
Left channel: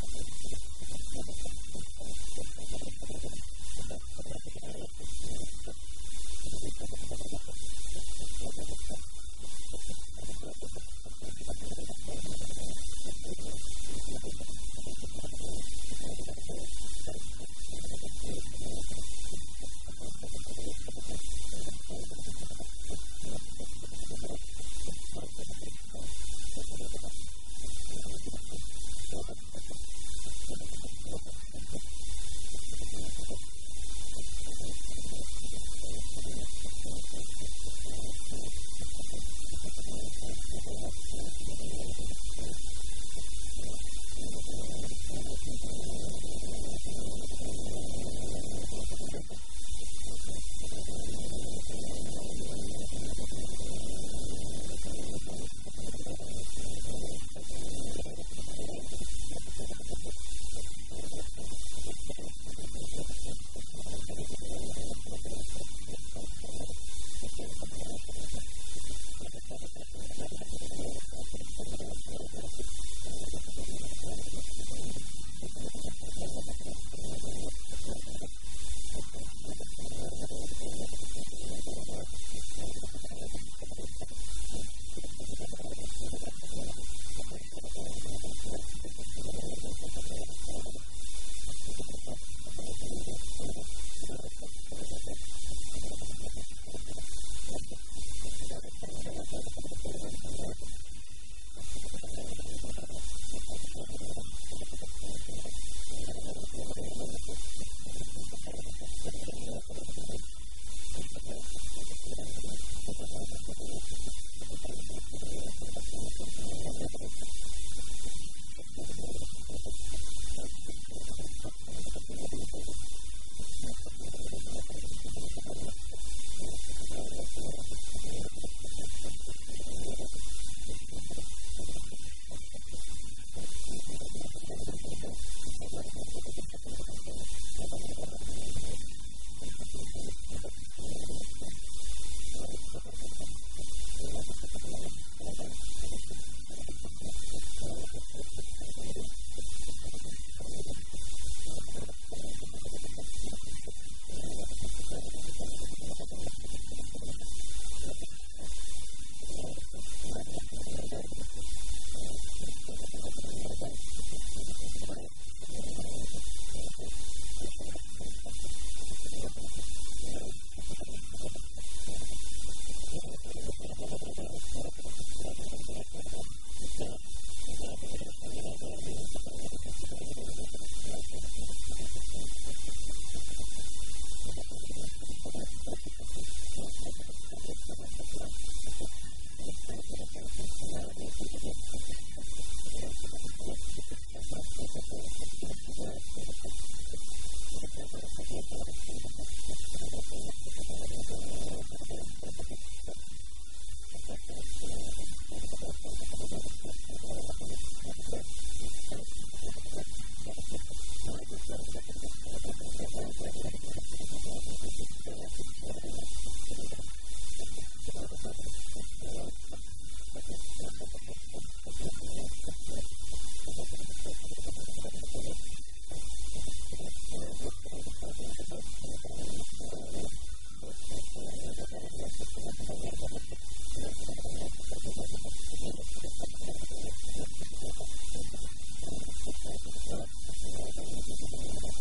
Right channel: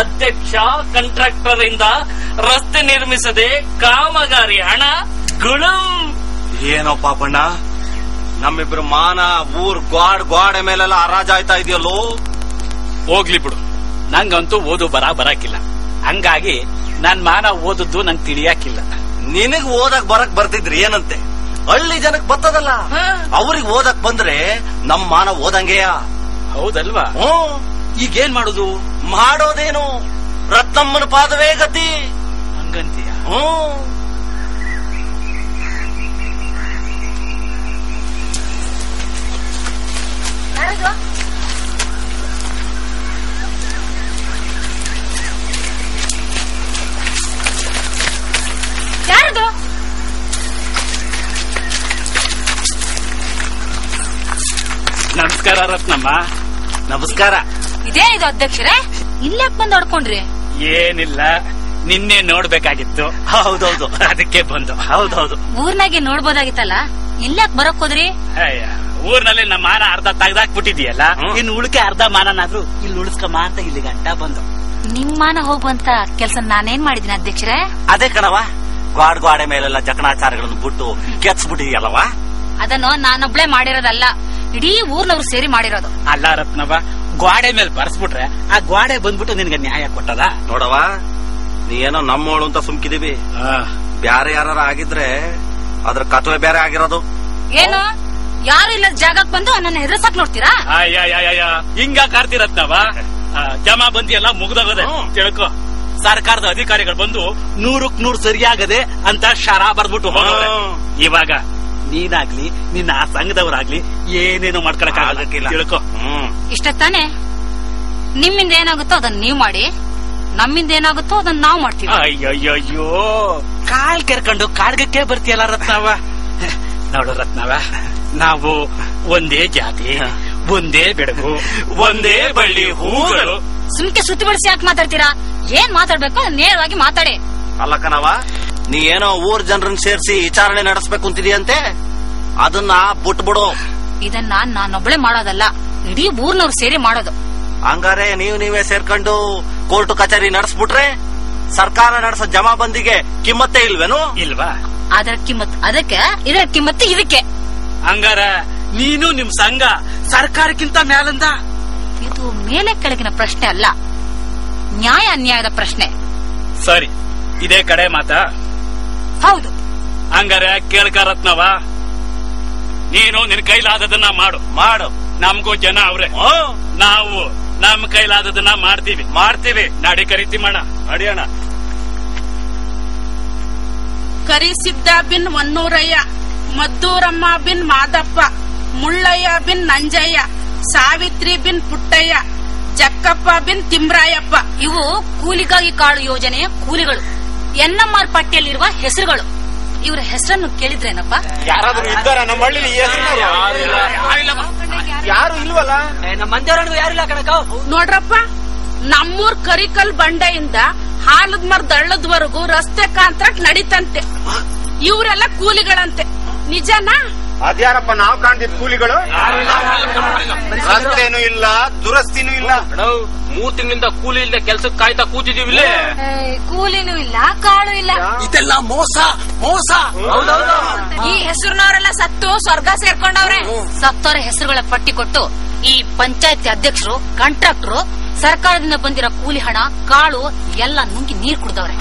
ಅಧ್ಯಕ್ಷ ಕಾಂಟ್ರಾಕ್ಟರ್ ಇಂದ ರಸ್ತೆ ನಿರ್ಮಿಸದೆ ಕಾಮಗಾರಿ ಹಣ ಗುಳುಂ. ಏನೋ ಪಾಪಣ್ಣ, ನಮ್ಮಿಬ್ರು ಮಾನ ಊರ್ ಗೋಡೆ ಮೇಲೆಲ್ಲ ಹರಾಜ್ ಆಯ್ತಾ ಇದೆಯಲ್ಲೋ. ಹೋಗ್ಲಿ ಬಿಡು, ನಂಗಂತೂ ಓದು ಬರಾಕಿಲ್ಲ. ಹಂಗಾಗಿ ನನ್ ಮಾನ ಓದದ್ದು ನಂಗೆ ತಿಳಿಯಾಕಿಲ್ಲ. ನಿನಗ್ ಓದಕ್ ಬರಕ್ ಬರ್ತಿದ್ರಿ ಏನಂತೆ, ಹಳ್ಳಿ ಜನಕ್ ಬರ್ತದಲ್ಲ. ಅವ್ರಿಗೆ ಓದಕ್ ಬಂದ್ರೆ ನಮ್ ಮಾನ ಓದಂಗೆಯ. ಹೌದಲ್ವಾ? ಈಗೇನ್ ಮಾಡುದು? ಮಾಡೋದೇನು, ರತ್ನಮ್ಮನ ಪಾದವೇ ಗತಿ. ಹಂಗಂತೀಯ? ಯಾರದು? ನಮಸ್ಕಾರ ರತ್ನಮ್ಮ. ನಮಸ್ಕಾರ. ಇದೇನಿದು ಅಧ್ಯಕ್ಷರೇ, ಇಲ್ಲಾಕ್ ಬಂದ್ ಹೊಡ್ಕೊಂಡ್ರಿ? ಏನಿಲ್ಲ, ನಿನ್ನೆ ನೋಡ್ಬೇಕಾಗಿತ್ತು. ಹೌದೌದು, ಅದಕ್ಕೆ ಬಂದು. ಹೌದೌದು. ಊರ್ನಾಗೆ ನೋಡ್ಬೋದಾಗಿತ್ತಲ್ಲ, ಇಲ್ಲಾಕ್ ಬರಕ್ ಹೋದ್ರಿ? ಊರ್ನಲ್ಲಿ ನಮ್ಮ ಮಾನ ಅರ್ಧ ತೆಗ್ದಾಕ್ಬಿಟ್ಟಿದ್ಯಲ್ಲ, ಇನ್ನು ಉಳಿಕೆ ಅರ್ಧ ಮಾನನಾದ್ರೂ ಇಲ್ಲಿ ಉಳಿಸ್ಕಮ್ಮ ಅಂತ ಇಲ್ಲಿ ಗಂಟ ಬಂದು. ನಿಮ್ ಮಾನ ಹೋಗುವಂತ ಕೆಲ್ಸ ನಾನೇನ್ ಮಾಡಿದೀನಿ ಅಧ್ಯಕ್ಷರೇ? ಅದೇ ಕಣವ, ಗೋಡೆ ಮೇಲೆಲ್ಲ ಜಕಣಾಚಾರಗಳನ್ನು ಬಿಟ್ಟು ಕೆತ್ಸ್ಬಿಟ್ಟಿದೆಯಲ್ಲವಾ. ಅದನ್ನು ನಾನೊಬ್ಳೆ ಮಾಡಿರೋದಲ್ಲ, ಇಡೀ ಊರ್ನವ್ರು ಸೇರಿ ಮಾಡಿರೋದು. ಅಲ್ಲ ರತ್ನವ, ಗೋಡೆ ಮೇಲೆ ಬರ್ಸ್ಬಿಟ್ರೆ ಆ ಗೋಡೆ ಬಂದ್ಬಿಟ್ಟು ನಿನ್ಗೆ ನ್ಯಾಯ ಕೊಟ್ಟದ? ನೋಡವ, ನೀ ಏನೋ ನಮ್ಮೋಳು ಅಂತ ಸುಮ್ಕಿದೀವಿ. ಬ್ಯಾರೆ ಯಾರ ಆಗಿದ್ರೆ ಅದ್ರ ಕತ್ವೆ ಬೇರೆ ಆಗಿರೋದು. ಏನು, ಯಾರು ಇಲ್ಲದ ಜಾಗಕ್ಕೆ ಬಂದು ನನ್ನ ಹೆದರ್ಸಕ್ ನೋಡ್ತೀರಾ? ಹಿಂಗ ಕಾರ್ತಿರತ್ನವ, ಜಮಾ ಬಂದಿ ಎಲ್ಲ ಮುಗ್ದೋಗದೆ ತಿಳ್ಕೊ. ಸರ್ಕಾರದ ಅಧಿಕಾರಿಗಳು ಬಂದು 100% ಸರಿಯಾಗದೆ ಅಂತ ಶರ ಬರ್ದ್ಬಿಟ್ಟು ಹೋಗೋರೆ. ಇವಾಗ ನೀನಾಗ್ಲಿ ನಿನ್ನ ಆ ಸಂಘದವರಾಗ್ಲಿ ಏನೇನು ಮಾಡ್ಕೊಳಕ್ ಆಗಕ್ಕಿಲ್ಲ ತಿಳ್ಕೊ. ಇಷ್ಟ ತಾನೆ? ನಿಮ್ಮಿಂದ ಏನಾಗುತ್ತೋ ಅದನ್ನ ನೀವ್ ಮಾಡಿ, ನಮ್ಮಿಂದ ಏನಾಗುತ್ತೋ ಅದನ್ನ ನಾವ್ ಮಾಡ್ತೀವಿ. ಅಯ್ಯಯ್ಯೋ, ಕಾಲ್ ಕೆರ್ಕೊಂಡು ಕಾಡ್ಗಕ್ಕೆ ಬರ್ತೀಯಲ್ಲ ರತ್ನವ. ನೋಡು ರತ್ನವ, ನಾವು ಒಂದೇ ಜಾತಿ, ಒಂದೇ ಬೆಳಗು, ಒಂದೇ ಬಳ್ಳಿ ಹೂಗಳು. ಸುಮ್ಕೆ ಸುತ್ತಿ ಬಳಸಿ ಯಾಕೆ ಮಾತಾಡ್ತೀರಾ? ಏನ್ ಮಾತಾಡ್ಬೇಕು ನೇರವಾಗಿ ಮಾತಾಡಿ. ಅಲ್ಲ ಕಣವ, ನೀ ಏನೋ ಊರ್ ಜನರನ್ನ ಸೇರಿಸಿ ವಿಚಾರಣೆ ನಡೆಸ್ಬೇಕು ಅಂತಿದೀಯಂತೆ, ಅದನ್ನ ಬಿಟ್ಬಿಡು. ಇದನ್ನ ನಾನೊಬ್ಳೆ ಮಾಡೋದಲ್ಲ, ಇಡೀ ಊರ್ನವ್ರು ಸೇರಿ ಮಾಡೋದು. ಹಂಗಾರೆ ನೀವೇ ಸೇರ್ಕೊಂಡು ಕೋರ್ಟ್ ಕಚೇರಿ ನಡೆಸ್ಬಿಟ್ರೆ ಸರ್ಕಾರ ನಡೆಸೋ ಜಮಾಬಂದಿಗೆ ಕಿಮ್ಮತ್ತೇ ಇಲ್ವೇನು? ಇಲ್ವಾ? ಅದರ ಕಿಮ್ಮತ್ ಅದಕ್ಕೆ, ಇದರ ಕಿಮ್ಮತ್ತು ಇದಕ್ಕೆ. ಹಂಗಾರ ನೀನು ನಿಮ್ ಸಂಘ ಸರ್ಕಾರಕ್ಕಿಂತ ಮೇಲಂದ? ಇದು ಮೇಲೆ ಕೆಳಗಿನ ಪ್ರಶ್ನೆ ಅಲ್ಲ, ನ್ಯಾಯ ಅನ್ಯಾಯದ ಪ್ರಶ್ನೆ. ಸರಿ, ಇದೇ ಕಡೆ ಮಾತಾ? ಹೌದು. ಹಂಗಾರೆ ಕೇಳ್ಕ ರತ್ನವ, ನೀನು ನಿನ್ ಕೈಲಾದದನ್ನ ಮಾಡು. ನಮ್ಗೂ ಜನ ಅವ್ರೆ, ನಾವು ನಮ್ ಕೈಲಾದದನ್ನ ಮಾಡ್ತೀವಿ. ನಾಡಿ ಕರಿತಿ ಮಾಡ ನಡಿಯೋಣ. ಕರಿಸಿದ್ದ ಬಿನ್ ವನ್ನೂರಯ್ಯ, ಮದ್ದೂರಮ್ಮ ಬಿನ್ ಮಾದಪ್ಪ, ಮುಳ್ಳಯ್ಯ ಬಿನ್ ನಂಜಯ್ಯ, ಸಾವಿತ್ರಿ ಬಿನ್ ಪುಟ್ಟಯ್ಯ, ಜಕ್ಕಪ್ಪ ಬಿನ್ ತಿಮ್ರಾಯಪ್ಪ. ಇವು ಕೂಲಿಗಾಗಿ ಕಾಳು ಯೋಜನೆಯ ಕೂಲಿಗಳು, ಎನ್ಎಂಆರ್ ಪಟ್ಟಿಯಲ್ಲಿರುವ ಹೆಸರುಗಳು. ಇವರ ಹೆಸರನ್ನು ಕೇಳಿದ್ರೇನಪ್ಪ? ಯಾರಾದ್ರೂ ಇದ್ದಾರ ನಮ್ಮ ಹಳ್ಳಿ? ಯಾರು ಇಲ್ವಲ್ಲ. ನಮ್ಮ ಮಂದಿರನಿಗೂ ಯಾರಿಲ್ಲ ಕಣಕ. ನೋಡ್ರಪ್ಪ, ನಮ್ಮೂರ್ ಕರಿಕಲ್ ಬಂಡೆಯಿಂದ ಹಾಲದ ಮರದ ಹಳ್ಳದವರೆಗೂ ರಸ್ತೆ ಕಾಂಟ್ರಾಕ್ಟ್ ನಡೀತಂತೆ. ಇವರೆಲ್ಲ ಕೂಲಿಗಳಂತೆ. ನಿಜನಾ? ಅದ್ಯಾರಪ್ಪ ನಾವು ಕಾಣ್ತಿದ್ ಕೂಲಿಗಳು? ರಸ್ತೆನೂ ಇಲ್ಲ, ದುರಸ್ತಿನೂ ಇಲ್ಲ. 3 ತಿಂಗಳಿಂದ ಕೂಲಿ ಇಲ್ಲದೆ ಕೆಲ್ಸಕ್ಕೆ ಕಾಯ್ತಾ ಕೂತಿದೀವಿ. ಕೂಲಿನೂ ಇಲ್ಲ, ಕಾಳು ಇಲ್ಲ. ಇದೆಲ್ಲ ಮೋಸ ಮೋಸ. ಈ ಹೆಸರಿನವರೆಲ್ಲ ಸತ್ತು ಸ್ವರ್ಗ ಸೇರ್ಕೊಂಡವ್ರೆ. ಸತ್ತವರ ಹೆಸರುಗಳ ಪಟ್ಟಿ ಕೊಟ್ಟು ಈ ಪಂಚಾಯತಿ ಅಧ್ಯಕ್ಷರು, ಕಾಂಟ್ರಾಕ್ಟರು ಸರ್ಕಾರದಿಂದ ಬಂದಿರೋ ಕೂಲಿ ಹಣ, ಕಾಳು ಎಲ್ಲ ನುಂಗಿ ನೀರ್ ಕುಡ್ದವ್ರೆ.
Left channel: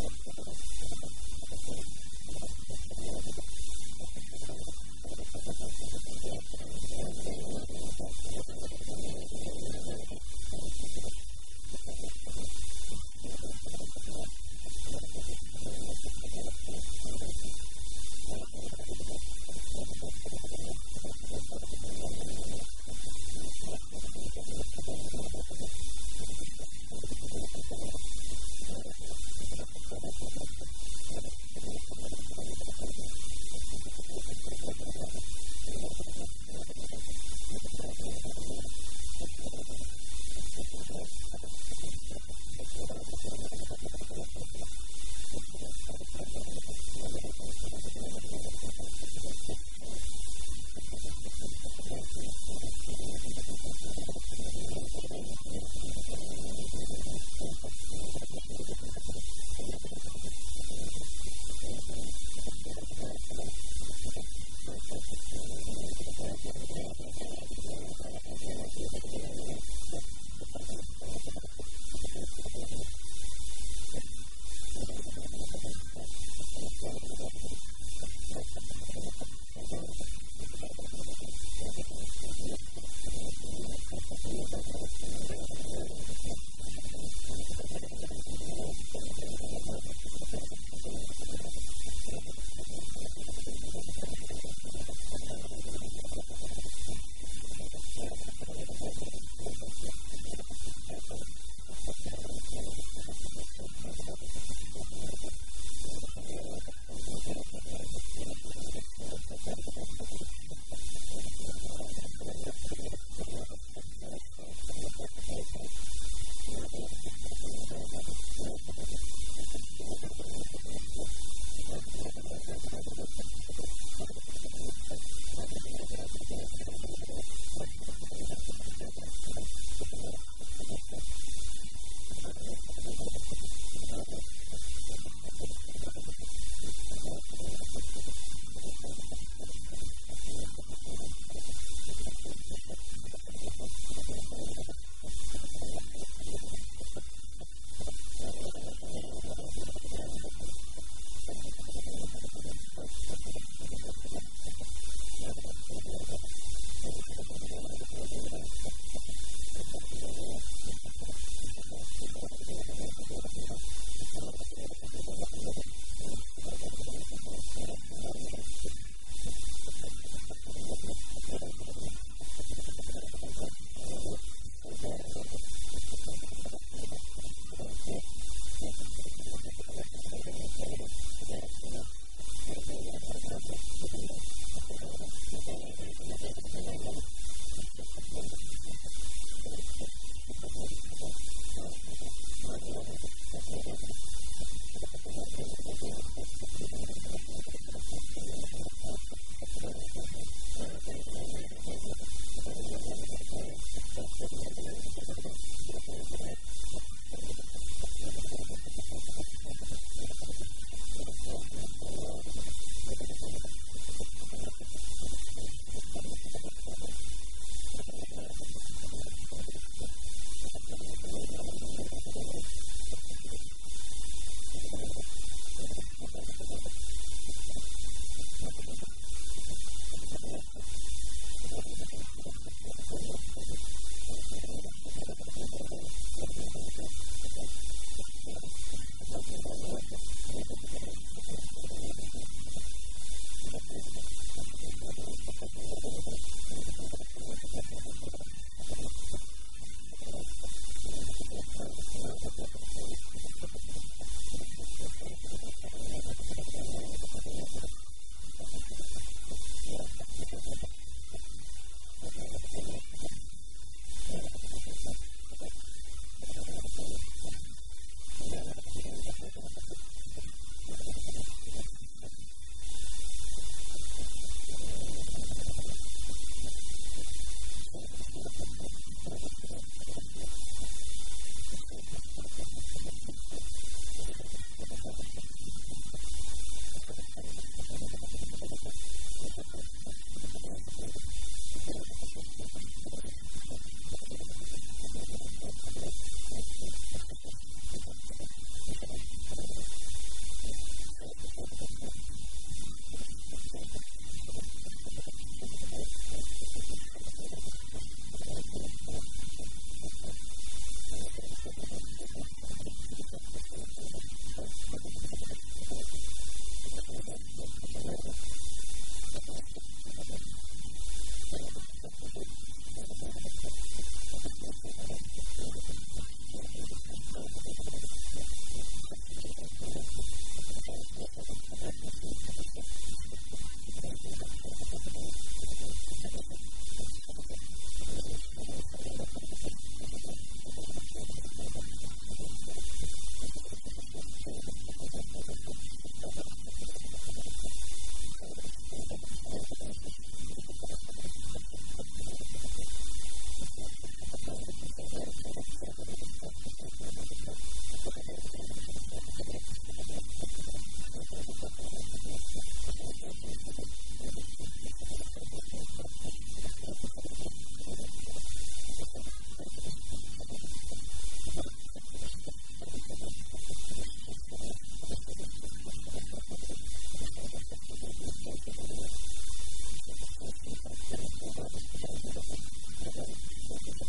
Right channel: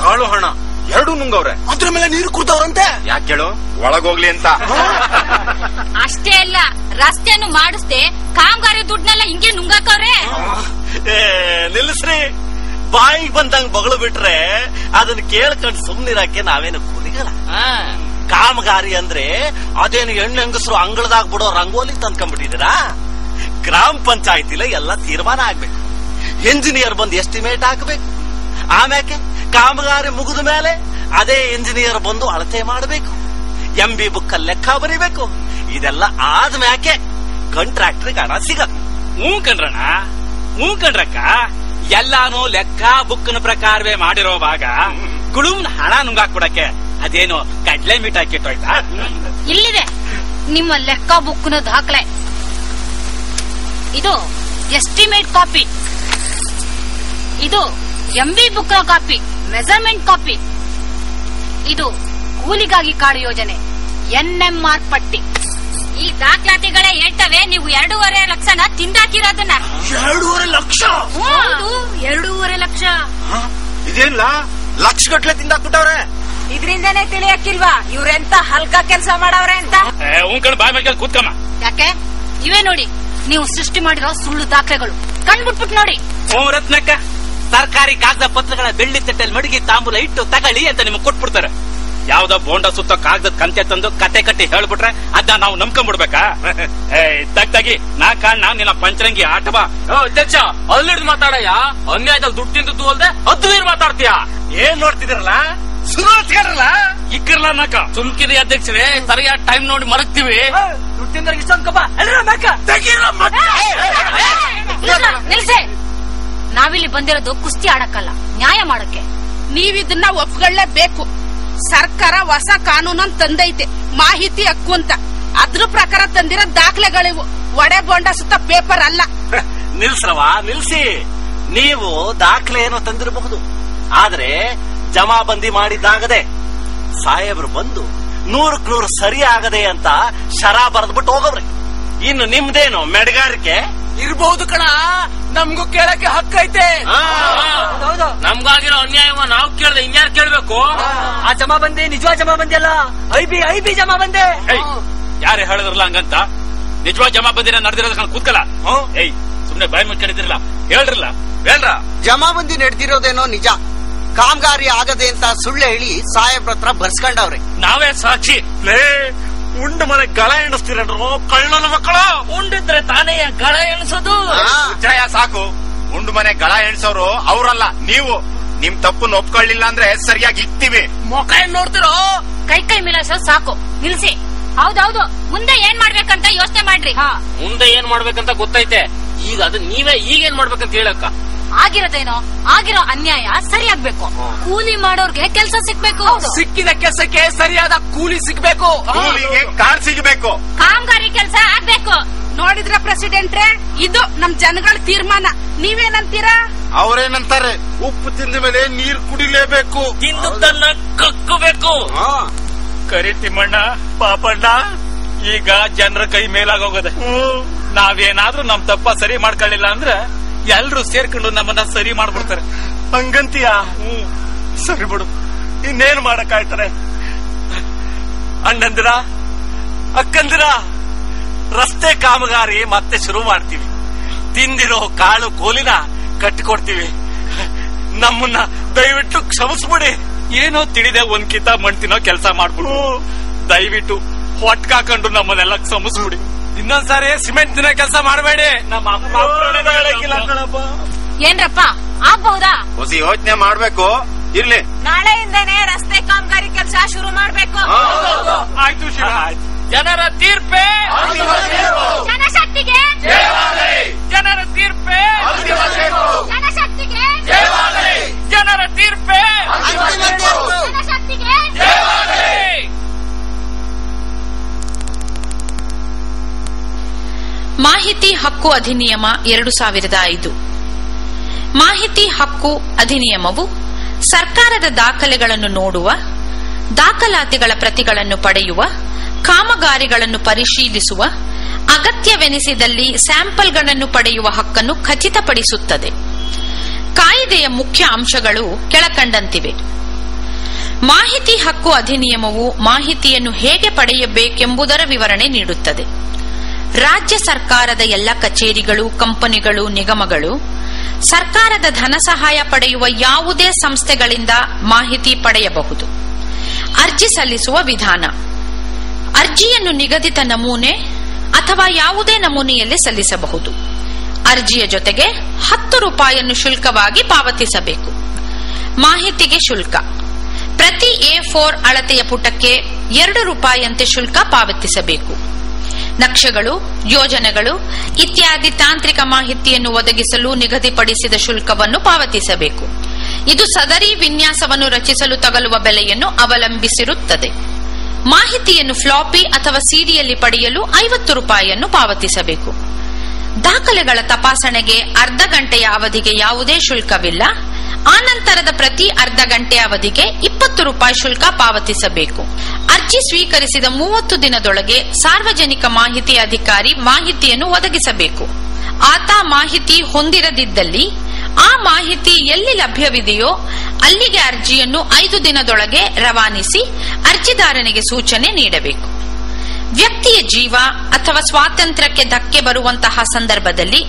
ಕಾಳು ಹಣ ಎರಡು ನುಂಗವ್ರೆ. ಅದ್ರ ಮೇಲೆ ನೀರು ಕುಡ್ದವ್ರಂತೆ. ಯಾಕೆ ಹೇಳು? ಒಳಗೋಗ್ಲಿ ಅಂತ. ಅಷ್ಟೇ ಅಲ್ಲ, ರಸ್ತೆಯನ್ನು ಮಾಡಿಸ್ದೆ ಕಾಮಗಾರಿ ದುಡ್ಡನ್ನೆಲ್ಲ ಹಿಂಗೆ ನುಂಗಾಕವ್ರೆ. ನಿಲ್ಲಿಸ್ರಿ, ಬಾಯಿಗೆ ಬಂದಂಗ್ ಬಗಳು ಬಿಟ್ರೆ ಅದನ್ನ ಕೇಳ್ಕೊಂಡು ಸುಮ್ನಿರಾಕೆ ನಾವೇನು ಕೂಲಿಗಲ್ಲ. ಕಾಮಗಾರಿ ಅಂದ್ರೆ ಅದೇನು ಹೆಣ್ಣು ಹೆಂಗಸರು ಅಂಗಳದಾಗ ಬಿಡೋ ರಂಗೋಲಿ ತಂದ್ಕೊಂಡ್ಬಿಟ್ಟಿದ್ದೀರಾ? ಗ್ರಾಮ ಪಂಚಾಯತಿಲ ಎಲ್ಲ ತೀರ್ಮಾನ ಆಗ್ಬೇಕು. ಇಂಜಿನಿಯರ್ ಬಂದು ಎಸ್ಟಿಮೇಟ್ ಹಾಕಬೇಕು. ಆಮ್ಯಾಕೆ ಕಾಮಗಾರಿ ಮುಗಿದ ಮೇಲೆ ಅದೇ ಇಂಜಿನಿಯರ್ ಬಂದು ಅಳತೆ ಮಾಡಬೇಕು. MB ಬುಕ್ ಅಲ್ಲಿ ಲೆಕ್ಕ ಬರೀಬೇಕು. ಇದೆಲ್ಲ ಆದ್ಮ್ಯಾಕೆ ಕಾಂಟ್ರಾಕ್ಟರ್ಗೆ ಹಣ ಸಿಗದು. ಹ್ಞೂ ಕಣ್ರಕ್ಕ, ಎಲ್ಲಾನು ಲೆಕ್ಕ ಬುಕ್ನ ಪ್ರಕಾರವೇ ಮಾಡಿರೋವಾಗ ಗುಳುಮ್ನ ಹಣ ನುಂಗಾಕ್ಬಿಡಕ್ಕೆ ಅದೇನು ಕಡ್ಲೆ ಮೀಟ್ ಹಾಕಿಟ್ಟೋಯ್ತಾ? ಇಲ್ಲಿದೆ ನಿಮ್ಮ ಲೆಕ್ಕ ಬುಕ್ನ ದಾಖಲೆ. ಇದು ಎಸ್ಟಿಮೇಟ್ ಕಾಪಿ, ಇದು MB ಬುಕ್ ನ ಕಾಪಿ, ಮೆಜರ್ಮೆಂಟ್ ಕಾಪಿ, ಇದು ಕೂಲಿಗಾಗಿ ಕಾಡು ಯೋಜನೆ, NMR ಪಟ್ಟಿ. ಈ ದಾಖಲಾತಿಗಳೇ ಹೇಳ್ತವೆ ನೀವು 2.5 ಲಕ್ಷನ ತಿಂದಾಕಿರೋದನ್ನ. 2.5 ಲಕ್ಷ? ಹೌದು, 2.5 ಲಕ್ಷ. ಇದೇನಿಲ್ಲ, ಲಕ್ಷ ಗಟ್ಲೆ ತಿಂದಾಕ್ಬಿಟ್ಟವ್ರೆ. ಇದ್ರಿಂದನೇ ತಿಳಿಯಕ್ಕಿಲ್ವಾ ಇವ್ರೆಂತ ಹಲ್ಕ ಕೆಲಸ ಮಾಡವ್ರೆ ಅಂತ? ಬಾಯ್ ಮೇಲೆ ಕೂತ್ಕಮ್ಮ. ಯಾಕೆ? ಇವೇ ನೋಡಿ ನೀವು ಸೃಷ್ಟಿ ಮಾಡಿರೋ ಸುಳ್ಳು ದಾಖಲೆಗಳು. ಕಣ್ಬಿಟ್ಬಿಟ್ಟು ನೋಡಿ. ರತ್ನಕ್ಕ, ಸರ್ಕಾರಿ ಕಾಗದ ಪತ್ರಗಳ ಬೆಳ್ಳಿ ತಟ್ಟೆಲ್ ಮಡಗಿ ತಾಂಬೂಲ ಇಟ್ಟು ತಗೊಳ್ಳಿ ಅಂತ ನಿಮ್ಗೆ ಕೊಟ್ಬಿಡ್ತಾರೆ. ಯಾವ್ದೋ ಬೋಂಡ ಸುತ್ತ ಕಾಗದ ಕಂತೆ ತಂದು ಕತೆ ಕಟ್ಟಿ ಹೇಳ್ಬಿಟ್ರೆ ಅದನ್ನ ನಾವು ನಂಬ್ಕೊಂಡ್ಬಿಡ್ಬೇಕಾ? ತಗ್ಗಿ ನಾ ಕಾಣ ನಿನ್ನ ಪಂಚರಂಗಿ ಆಟ ಬಾ. ಅಧ್ಯಕ್ಷ, ಅಲ್ಲಿಡ್ದು ಮಾತಾಡಯ್ಯ. ಅನ್ಯಾಯದಲ್ಲಿ ದುಡ್ಡು ತಿಂದು ಅಲ್ದೆ ಹದ್ದು ನೀರು ಮಾತಾಡ್ತೀಯ. ಏನ್ ನೋಡ್ತಿದಿರಲ್ಲ? ಇಕ್ಕಿರ್ಲ ನಾಕ ಸುಮ್ಕಿರಿ ಅಧ್ಯಕ್ಷರೇ. ಸರಿಯಾದ ಟೈಮ್ ನೋಡಿ ಮರಗ್ತೀವಿ. ದುಡ್ಡಿಂದ ಇಷ್ಟೊಂದ್ಕಪ್ಪ ನಿಲ್ಸೆ. ನಾವಿಲ್ಲಿ ಬಂದಿರೋದು ಕುಸ್ತಿ ಆಡಕ್ಕಲ್ಲ, ನ್ಯಾಯ ಮಾಡಕ್ಕೆ. ನೀವಿದನ್ನ ಒಪ್ಕೊಳ್ಳೇಬೇಕು. ಸರ್ಕಾರ ಹೊಸ ಕಾನೂನನ್ನು ತಂದೈತೆ, ಮಾಹಿತಿ ಹಕ್ಕು ಅಂತ. ಅದ್ರ ಪ್ರಕಾರ ತಂದಿರೋ ದಾಖಲೆಗಳಿವು, ಒಡೆ ಬೋಂಡ ಸುತ್ತ ಪೇಪರ್ ಅಲ್ಲ. ನಿಲ್ಸ್ರವ, ನಿಲ್ಸಿ. ನೀವು ದಾಖಲೆ ಏನೋ ತಂದಿರಬಹುದು, ಆದ್ರೆ ಜಮಾಬಂದಿ ಮಾಡಿದ್ದಾಗದೆ ಸಾಹೇಬ್ರು ಬಂದು 100ಕ್ಕೆ 100 ಸರಿ ಆಗದೆ ಅಂತ ಶರಾ ಬರೆದ್ಬಿಟ್ಟು ಹೋಗವ್ರೆ. ಇನ್ನು ನಿಮ್ದೇನು ಮೆಡಗಾರಿಕೆ ಇರ್ಬಹುದು ಕಣ, ನಮ್ಗೂ ಕೇಳಕ್ಕೆ ಹಕ್ಕೈತೆ. ನಮ್ಗಾಗಿರೋ ಅನ್ಯಾಯವ ನಾವು ಕೇಳ್ದೆ ಇನ್ಯಾರು ಕೇಳ್ಬೇಕು? ಆ ಜಮಾಬಂದಿ ನಿಜವಾದ ಜಮಾಬಂದಿ ಅಲ್ಲ, ಐಬಿ ಜಮಾಬಂದಿ. ಯಾರೇ ಹೇಳಿದ್ರಲ್ಲ ಹಂಗಂತ? ನಿಜವಾದ ಜಮಾಬಂದಿನ ನಡೆದಿರೋದಕ್ಕೆ ಕೂತ್ಕಲ್ಲ. ಸುಮ್ನೆ ಬಾಯಿ ಮುಚ್ಕೊಂಡಿದ್ರಲ್ಲ, ಹೇಳ್ರಲ್ಲ. ಜಮಾಬಂದಿ ನಡೆದಿರೋದೇನೋ ನಿಜ, ಕಾಮಗಾರಿ ಆಗದೆ ಅಂತ ಸುಳ್ಳು ಹೇಳಿ ಸಾಹೇಬ್ರ ಹತ್ರ ಬರ್ಸ್ಕೊಂಡವ್ರೆ. ನಾವೇ ಸಾಕ್ಷಿ. ಉಂಡು ಮನೆ ಗಳ ಎಣಿಸ್ತೀರೇನ್ರು ಕಳ್ಳನ ಮಕ್ಕಳು? ಉಂಡಿದ್ರೆ ತಾನೇ ಗಳ ಎಣಿಸೋದು. ಜಯ ಸಾಕು, ಉಂಡು ಮನೆ ಗಳ ಎಣಿಸೋರು ಅವರಲ್ಲ ನೀವು. ನಿಮ್ ತಪ್ಪನ್ನು ಒಪ್ಕೊಳ್ಳಿಲ್ಲ ಅಂದ್ರೆ ಸರಿಯಾಗಿ ಇಕ್ತೀವಿ. ಮುಖ ಏನ್ ನೋಡ್ತಿರೋ? ಕೈ ಮಿಲಾಸೋ ಸಾಕು, ನಿಲ್ಸಿ. ಹೌದೌದು, ಮುಂದೆ ಏನ್ ಮಾಡ್ಬೇಕಂತ ಯೋಚನೆ ಮಾಡ್ರಿ. ಮುಂದೆ ಏನ್ ಮಾಡ್ಬೇಕಂತ ಗೊತ್ತೈತೆ. ಈಗ ಅದು ನೀವೇ ಈಗೇನ್ ಮಾಡ್ಬೇಕಂತ ಹೇಳಕ್ಕ. ಆಗಿರೋದೇನೋ, ಆಗಿರೋ ಅನ್ಯಾಯ ಸರಿಯಾಗ್ಬೇಕು. ಕೂಲಿ ಮಾಡೋರ್ಗೆ ಕೆಲಸ ಸಿಗ್ಬೇಕು. ಸಿಕ್ಕಿದ ಕೆಲಸಕ್ಕೆ ಸರಿಯಾದ ಕೂಲಿ ಸಿಗ್ಬೇಕು. ಕೂಲಿಗೆ ಕಾರ್ ಸಿಗಬೇಕು. ಕಾಮಗಾರಿ ಕೆಲಸ ಆಗ್ಬೇಕು. ನೋಡಿದ್ರ ಪ್ರೆಸಿಡೆಂಟ್ರೆ, ಇದು ನಮ್ ಜನಗಳ ತೀರ್ಮಾನ. ನೀವೇನಂತೀರಾ? ಅವ್ರೇನಂತಾರೆ, ಉಪ್ಪು ತಿಂದ ಮೇಲೆ ನೀರ್ ಕುಡಿಲೇಬೇಕು, ತಿಂದನ್ನ ಕಕ್ಕಬೇಕು. ಕರಿ ತಿಮ್ಮಣ್ಣ, ಪಾಪಣ್ಣ, ಈಗ ಜನರ ಕೈ ಮೇಲಾಗೋಗದೆ. ನಾವೇನಾದ್ರೂ ನಮ್ ತಪ್ಪ ಸರಿ ಮಾಡ್ಕೊಳ್ಳಿಲ್ಲ ಅಂದ್ರೆ ಎಲ್ರು ಸೇರ್ಕೊಂಡು ನಮ್ಮನ್ನ ಸರಿ ಮಾಡ್ಬಿಡ್ತಾರೆ. ಹಂಗಂತೀಯ? ಸರಿ ಬಿಡು, ಇನ್ನೇನು ಮಾಡಕ್ಕಾಯ್ತಾರೆ. ಅಣ್ಣಂದಿರ, ಅಕ್ಕಂದಿರ, ರಸ್ತೆ ಕಾಮಗಾರಿ ಮತ್ತೆ ಶುರು ಮಾಡ್ತೀವಿ. ತಿಂದಿರೋ ಕಾಳು ಕೋಲಿನ ಕಟ್ಟಿಕೊಡ್ತೀವಿ. ನಮ್ಮನ್ನ ದಯವಿಟ್ಟು ಕ್ಷಮಿಸ್ಬಿಡಿ. ಏನೋ ತಿಳಿದೆ ಒಂದ್ ಕಿತ ಮಣ್ತಿನೋ ಕೆಲಸ ಮಾಡ್ಬಿಡು. ದಯವಿಟ್ಟು ಹೊಟ್ಕಾಕೊಂಡು ನಮ್ಮನ್ನೆಲ್ಲ ಕ್ಷಮಿಸ್ಬಿಡಿ. ಇನ್ನೊಂದ್ಸಾರಿ ಸಿಮೆಂಟ್ ದಿನ ಕೆಲಸ ಮಾಡಬೇಡಿ. ನಮ್ಮ ಏನ್ರಪ್ಪ ಆಗ್ಬಹುದಾ? ಹೊಸ ಯೋಚನೆ ಮಾಡ್ಬೇಕು. ಇರ್ಲಿ, ನಾಳೆಯಿಂದನೇ ರಸ್ತೆ ಕಾಮಗಾರಿ ಕೆಲಸ ಶುರು ಮಾಡ್ಬೇಕು. ಆಯ್ತು ಶಿವ. ಜನರ ತೀರ್ಪೇ ಜನಶಕ್ತಿಗೆ, ಜನರ ತೀರ್ಪೇ ಜನಶಕ್ತಿಗೆ, ಜನರ ತೀರ್ಪೇ ಜನಶಕ್ತಿಗೆ. ಮಾಹಿತಿ ಹಕ್ಕು ಅಧಿನಿಯಮ 2005. ಮಾಹಿತಿ ಹಕ್ಕು ಅಧಿನಿಯಮವು ಸರ್ಕಾರದ ದಾಖಲೆಗಳನ್ನು ನೋಡುವ, ದಾಖಲಾತಿಗಳ ಪ್ರತಿಗಳನ್ನು ಪಡೆಯುವ, ಕಾಮಗಾರಿಗಳನ್ನು ಪರಿಶೀಲಿಸುವ, ಅಗತ್ಯವೆನಿಸಿದಲ್ಲಿ ಸ್ಯಾಂಪಲ್ಗಳನ್ನು ಪಡೆಯುವ ಹಕ್ಕನ್ನು ಖಚಿತಪಡಿಸುತ್ತದೆ. ಕಾಯ್ದೆಯ ಮುಖ್ಯ ಅಂಶಗಳು ಕೆಳಕಂಡಂತಿವೆ. ಮಾಹಿತಿ ಹಕ್ಕು ಅಧಿನಿಯಮವು ಮಾಹಿತಿಯನ್ನು ಹೇಗೆ ಪಡೆಯಬೇಕೆಂಬುದರ ವಿವರಣೆ ನೀಡುತ್ತದೆ. ರಾಜ್ಯ ಸರ್ಕಾರದ ಎಲ್ಲ ಕಚೇರಿಗಳು, ಕಂಪನಿಗಳು, ನಿಗಮಗಳು ಸರ್ಕಾರದ ಧನ ಸಹಾಯ ಪಡೆಯುವ ಯಾವುದೇ ಸಂಸ್ಥೆಗಳಿಂದ ಮಾಹಿತಿ ಪಡೆಯಬಹುದು. ಅರ್ಜಿ ಸಲ್ಲಿಸುವ ವಿಧಾನ: ಅರ್ಜಿಯನ್ನು ನಿಗದಿತ ನಮೂನೆ ಅಥವಾ ಯಾವುದೇ ನಮೂನೆಯಲ್ಲಿ ಸಲ್ಲಿಸಬಹುದು. ಅರ್ಜಿಯ ಜೊತೆಗೆ 10 ರೂಪಾಯಿಯನ್ನು ಶುಲ್ಕವಾಗಿ ಪಾವತಿಸಬೇಕು. ಮಾಹಿತಿಗೆ ಶುಲ್ಕ: ಪ್ರತಿ A4 ಅಳತೆಯ ಪುಟಕ್ಕೆ 2 ರೂಪಾಯಿಯಂತೆ ಶುಲ್ಕ ಪಾವತಿಸಬೇಕು. ನಕ್ಷೆಗಳು, ಯೋಜನೆಗಳು ಇತ್ಯಾದಿ ತಾಂತ್ರಿಕ ಮಾಹಿತಿಯನ್ನು ಒದಗಿಸಲು ನಿಗದಿಪಡಿಸಿದ ಶುಲ್ಕವನ್ನು ಪಾವತಿಸಬೇಕು. ಇದು ಸದರಿ ವಿನ್ಯಾಸವನ್ನು ರಚಿಸಲು ತಗಲುವ ಬೆಲೆಯನ್ನು ಅವಲಂಬಿಸಿರುತ್ತದೆ. ಮಾಹಿತಿಯನ್ನು ಫ್ಲಾಪಿ ಅಥವಾ ಸಿಡಿಯಲ್ಲಿ ಪಡೆಯಲು 50 ರೂಪಾಯಿಯನ್ನು ಪಾವತಿಸಬೇಕು. ದಾಖಲೆಗಳ ತಪಾಸಣೆಗೆ ಅರ್ಧ ಗಂಟೆಯ ಅವಧಿಗೆ ಯಾವುದೇ ಶುಲ್ಕವಿಲ್ಲ. ಆನಂತರದ ಪ್ರತಿ ಅರ್ಧ ಗಂಟೆ ಅವಧಿಗೆ 20 ರೂಪಾಯಿ ಶುಲ್ಕ ಪಾವತಿಸಬೇಕು. ಅರ್ಜಿ ಸ್ವೀಕರಿಸಿದ 30 ದಿನದೊಳಗೆ ಸಾರ್ವಜನಿಕ ಮಾಹಿತಿ ಅಧಿಕಾರಿ ಮಾಹಿತಿಯನ್ನು ಒದಗಿಸಬೇಕು. ಆತ ಮಾಹಿತಿ ಹೊಂದಿರದಿದ್ದಲ್ಲಿ ಆ ಮಾಹಿತಿ ಎಲ್ಲಿ ಲಭ್ಯವಿದೆಯೋ ಅಲ್ಲಿಗೆ ಅರ್ಜಿಯನ್ನು 5 ದಿನದೊಳಗೆ ರವಾನಿಸಿ ಅರ್ಜಿದಾರನಿಗೆ ಸೂಚನೆ ನೀಡಬೇಕು. ವ್ಯಕ್ತಿಯ ಜೀವ ಅಥವಾ ಸ್ವಾತಂತ್ರ್ಯಕ್ಕೆ ಧಕ್ಕೆ ಬರುವಂತಹ ಸಂದರ್ಭದಲ್ಲಿ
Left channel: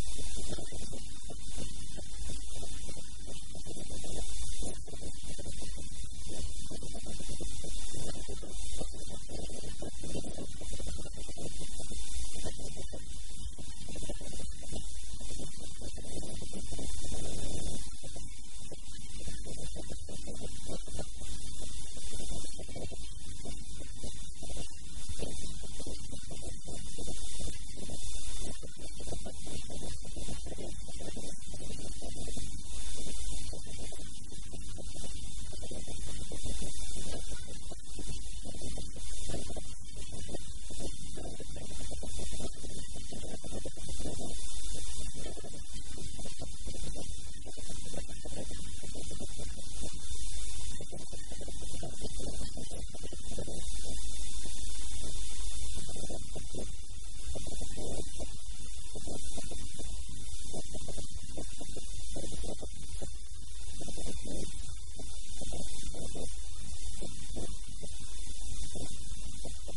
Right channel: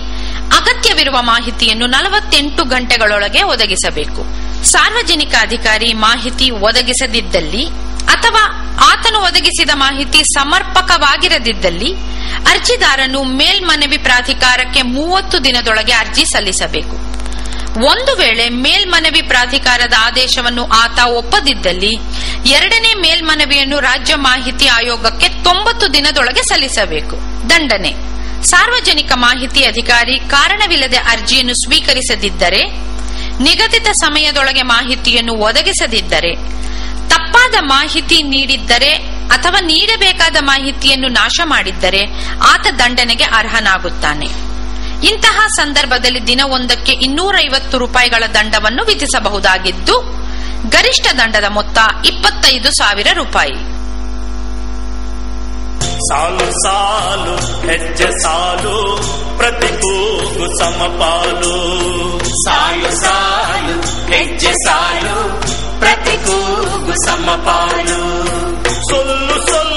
ಅಗತ್ಯವಿರುವ ಮಾಹಿತಿಯನ್ನು 48 ಗಂಟೆಗಳೊಳಗೆ ಒದಗಿಸಬೇಕು. ಸಾರ್ವಜನಿಕ ಅಧಿಕಾರಿ ಮಾಹಿತಿ ಒದಗಿಸದಿದ್ದಲ್ಲಿ ಅಥವಾ ಆತನು ಒದಗಿಸಿದ ಮಾಹಿತಿ ಸಮರ್ಪಕವಾಗಿರದಿದ್ದಲ್ಲಿ ಅರ್ಜಿದಾರನು ಮೇಲ್ಮನವಿ ಪ್ರಾಧಿಕಾರಕ್ಕೆ 30 ದಿನದೊಳಗೆ ಅರ್ಜಿ ಸಲ್ಲಿಸಬೇಕು. ಒಂದು ವೇಳೆ ಮೇಲ್ಮನವಿ ಪ್ರಾಧಿಕಾರದ ಆದೇಶವನ್ನು ಆತ ಒಪ್ಪದಿದ್ದಲ್ಲಿ 2ನೇ ಮೇಲ್ಮನವಿಯನ್ನು ರಾಜ್ಯ ಮಾಹಿತಿ ಆಯೋಗಕ್ಕೆ 90 ದಿನದೊಳಗೆ ಸಲ್ಲಿಸಬೇಕು. ದಂಡನೆ: ಸಾರ್ವಜನಿಕ ಮಾಹಿತಿ ಅಧಿಕಾರಿ ಕಾರಣವಿಲ್ಲದೆ ಅರ್ಜಿಯನ್ನು ಸ್ವೀಕರಿಸದಿದ್ದರೆ, ನಿಗದಿತ ಸಮಯದೊಳಗೆ ಮಾಹಿತಿಯನ್ನು ಒದಗಿಸದಿದ್ದರೆ, ತಪ್ಪಾದ ಮಾಹಿತಿ ನೀಡಿದ್ದರೆ ಅಥವಾ ನೀಡಬೇಕಾದ ಮಾಹಿತಿಯನ್ನು ನಾಶ ಮಾಡಿದ್ದರೆ ಆತ ದಂಡನೆಗೆ ಅರ್ಹನಾಗುತ್ತಾನೆ. ಇಂತಹ ಸಂದರ್ಭದಲ್ಲಿ ದಿನವೊಂದಕ್ಕೆ 250 ರೂಪಾಯಿಗಳ ದಂಡವನ್ನು ವಿಧಿಸಬಹುದಾಗಿದ್ದು, ಗರಿಷ್ಠ ದಂಡದ ಮೊತ್ತ 25,000 ರೂಪಾಯಿ. ಸಾಲು ಸಾಲು ಹೆಜ್ಜೆ ಸಾಲು ಪ್ರತಿ ಕೂಗು ಸಮಪಾಲು. ಸಾಲು ಸಾಲು ಹೆಜ್ಜೆ ಸಾಲು ಪ್ರತಿ ಕೂಗು ಸಮಪಾಲು. ಸೊಲ್ಲು ಸೊಲ್ಲು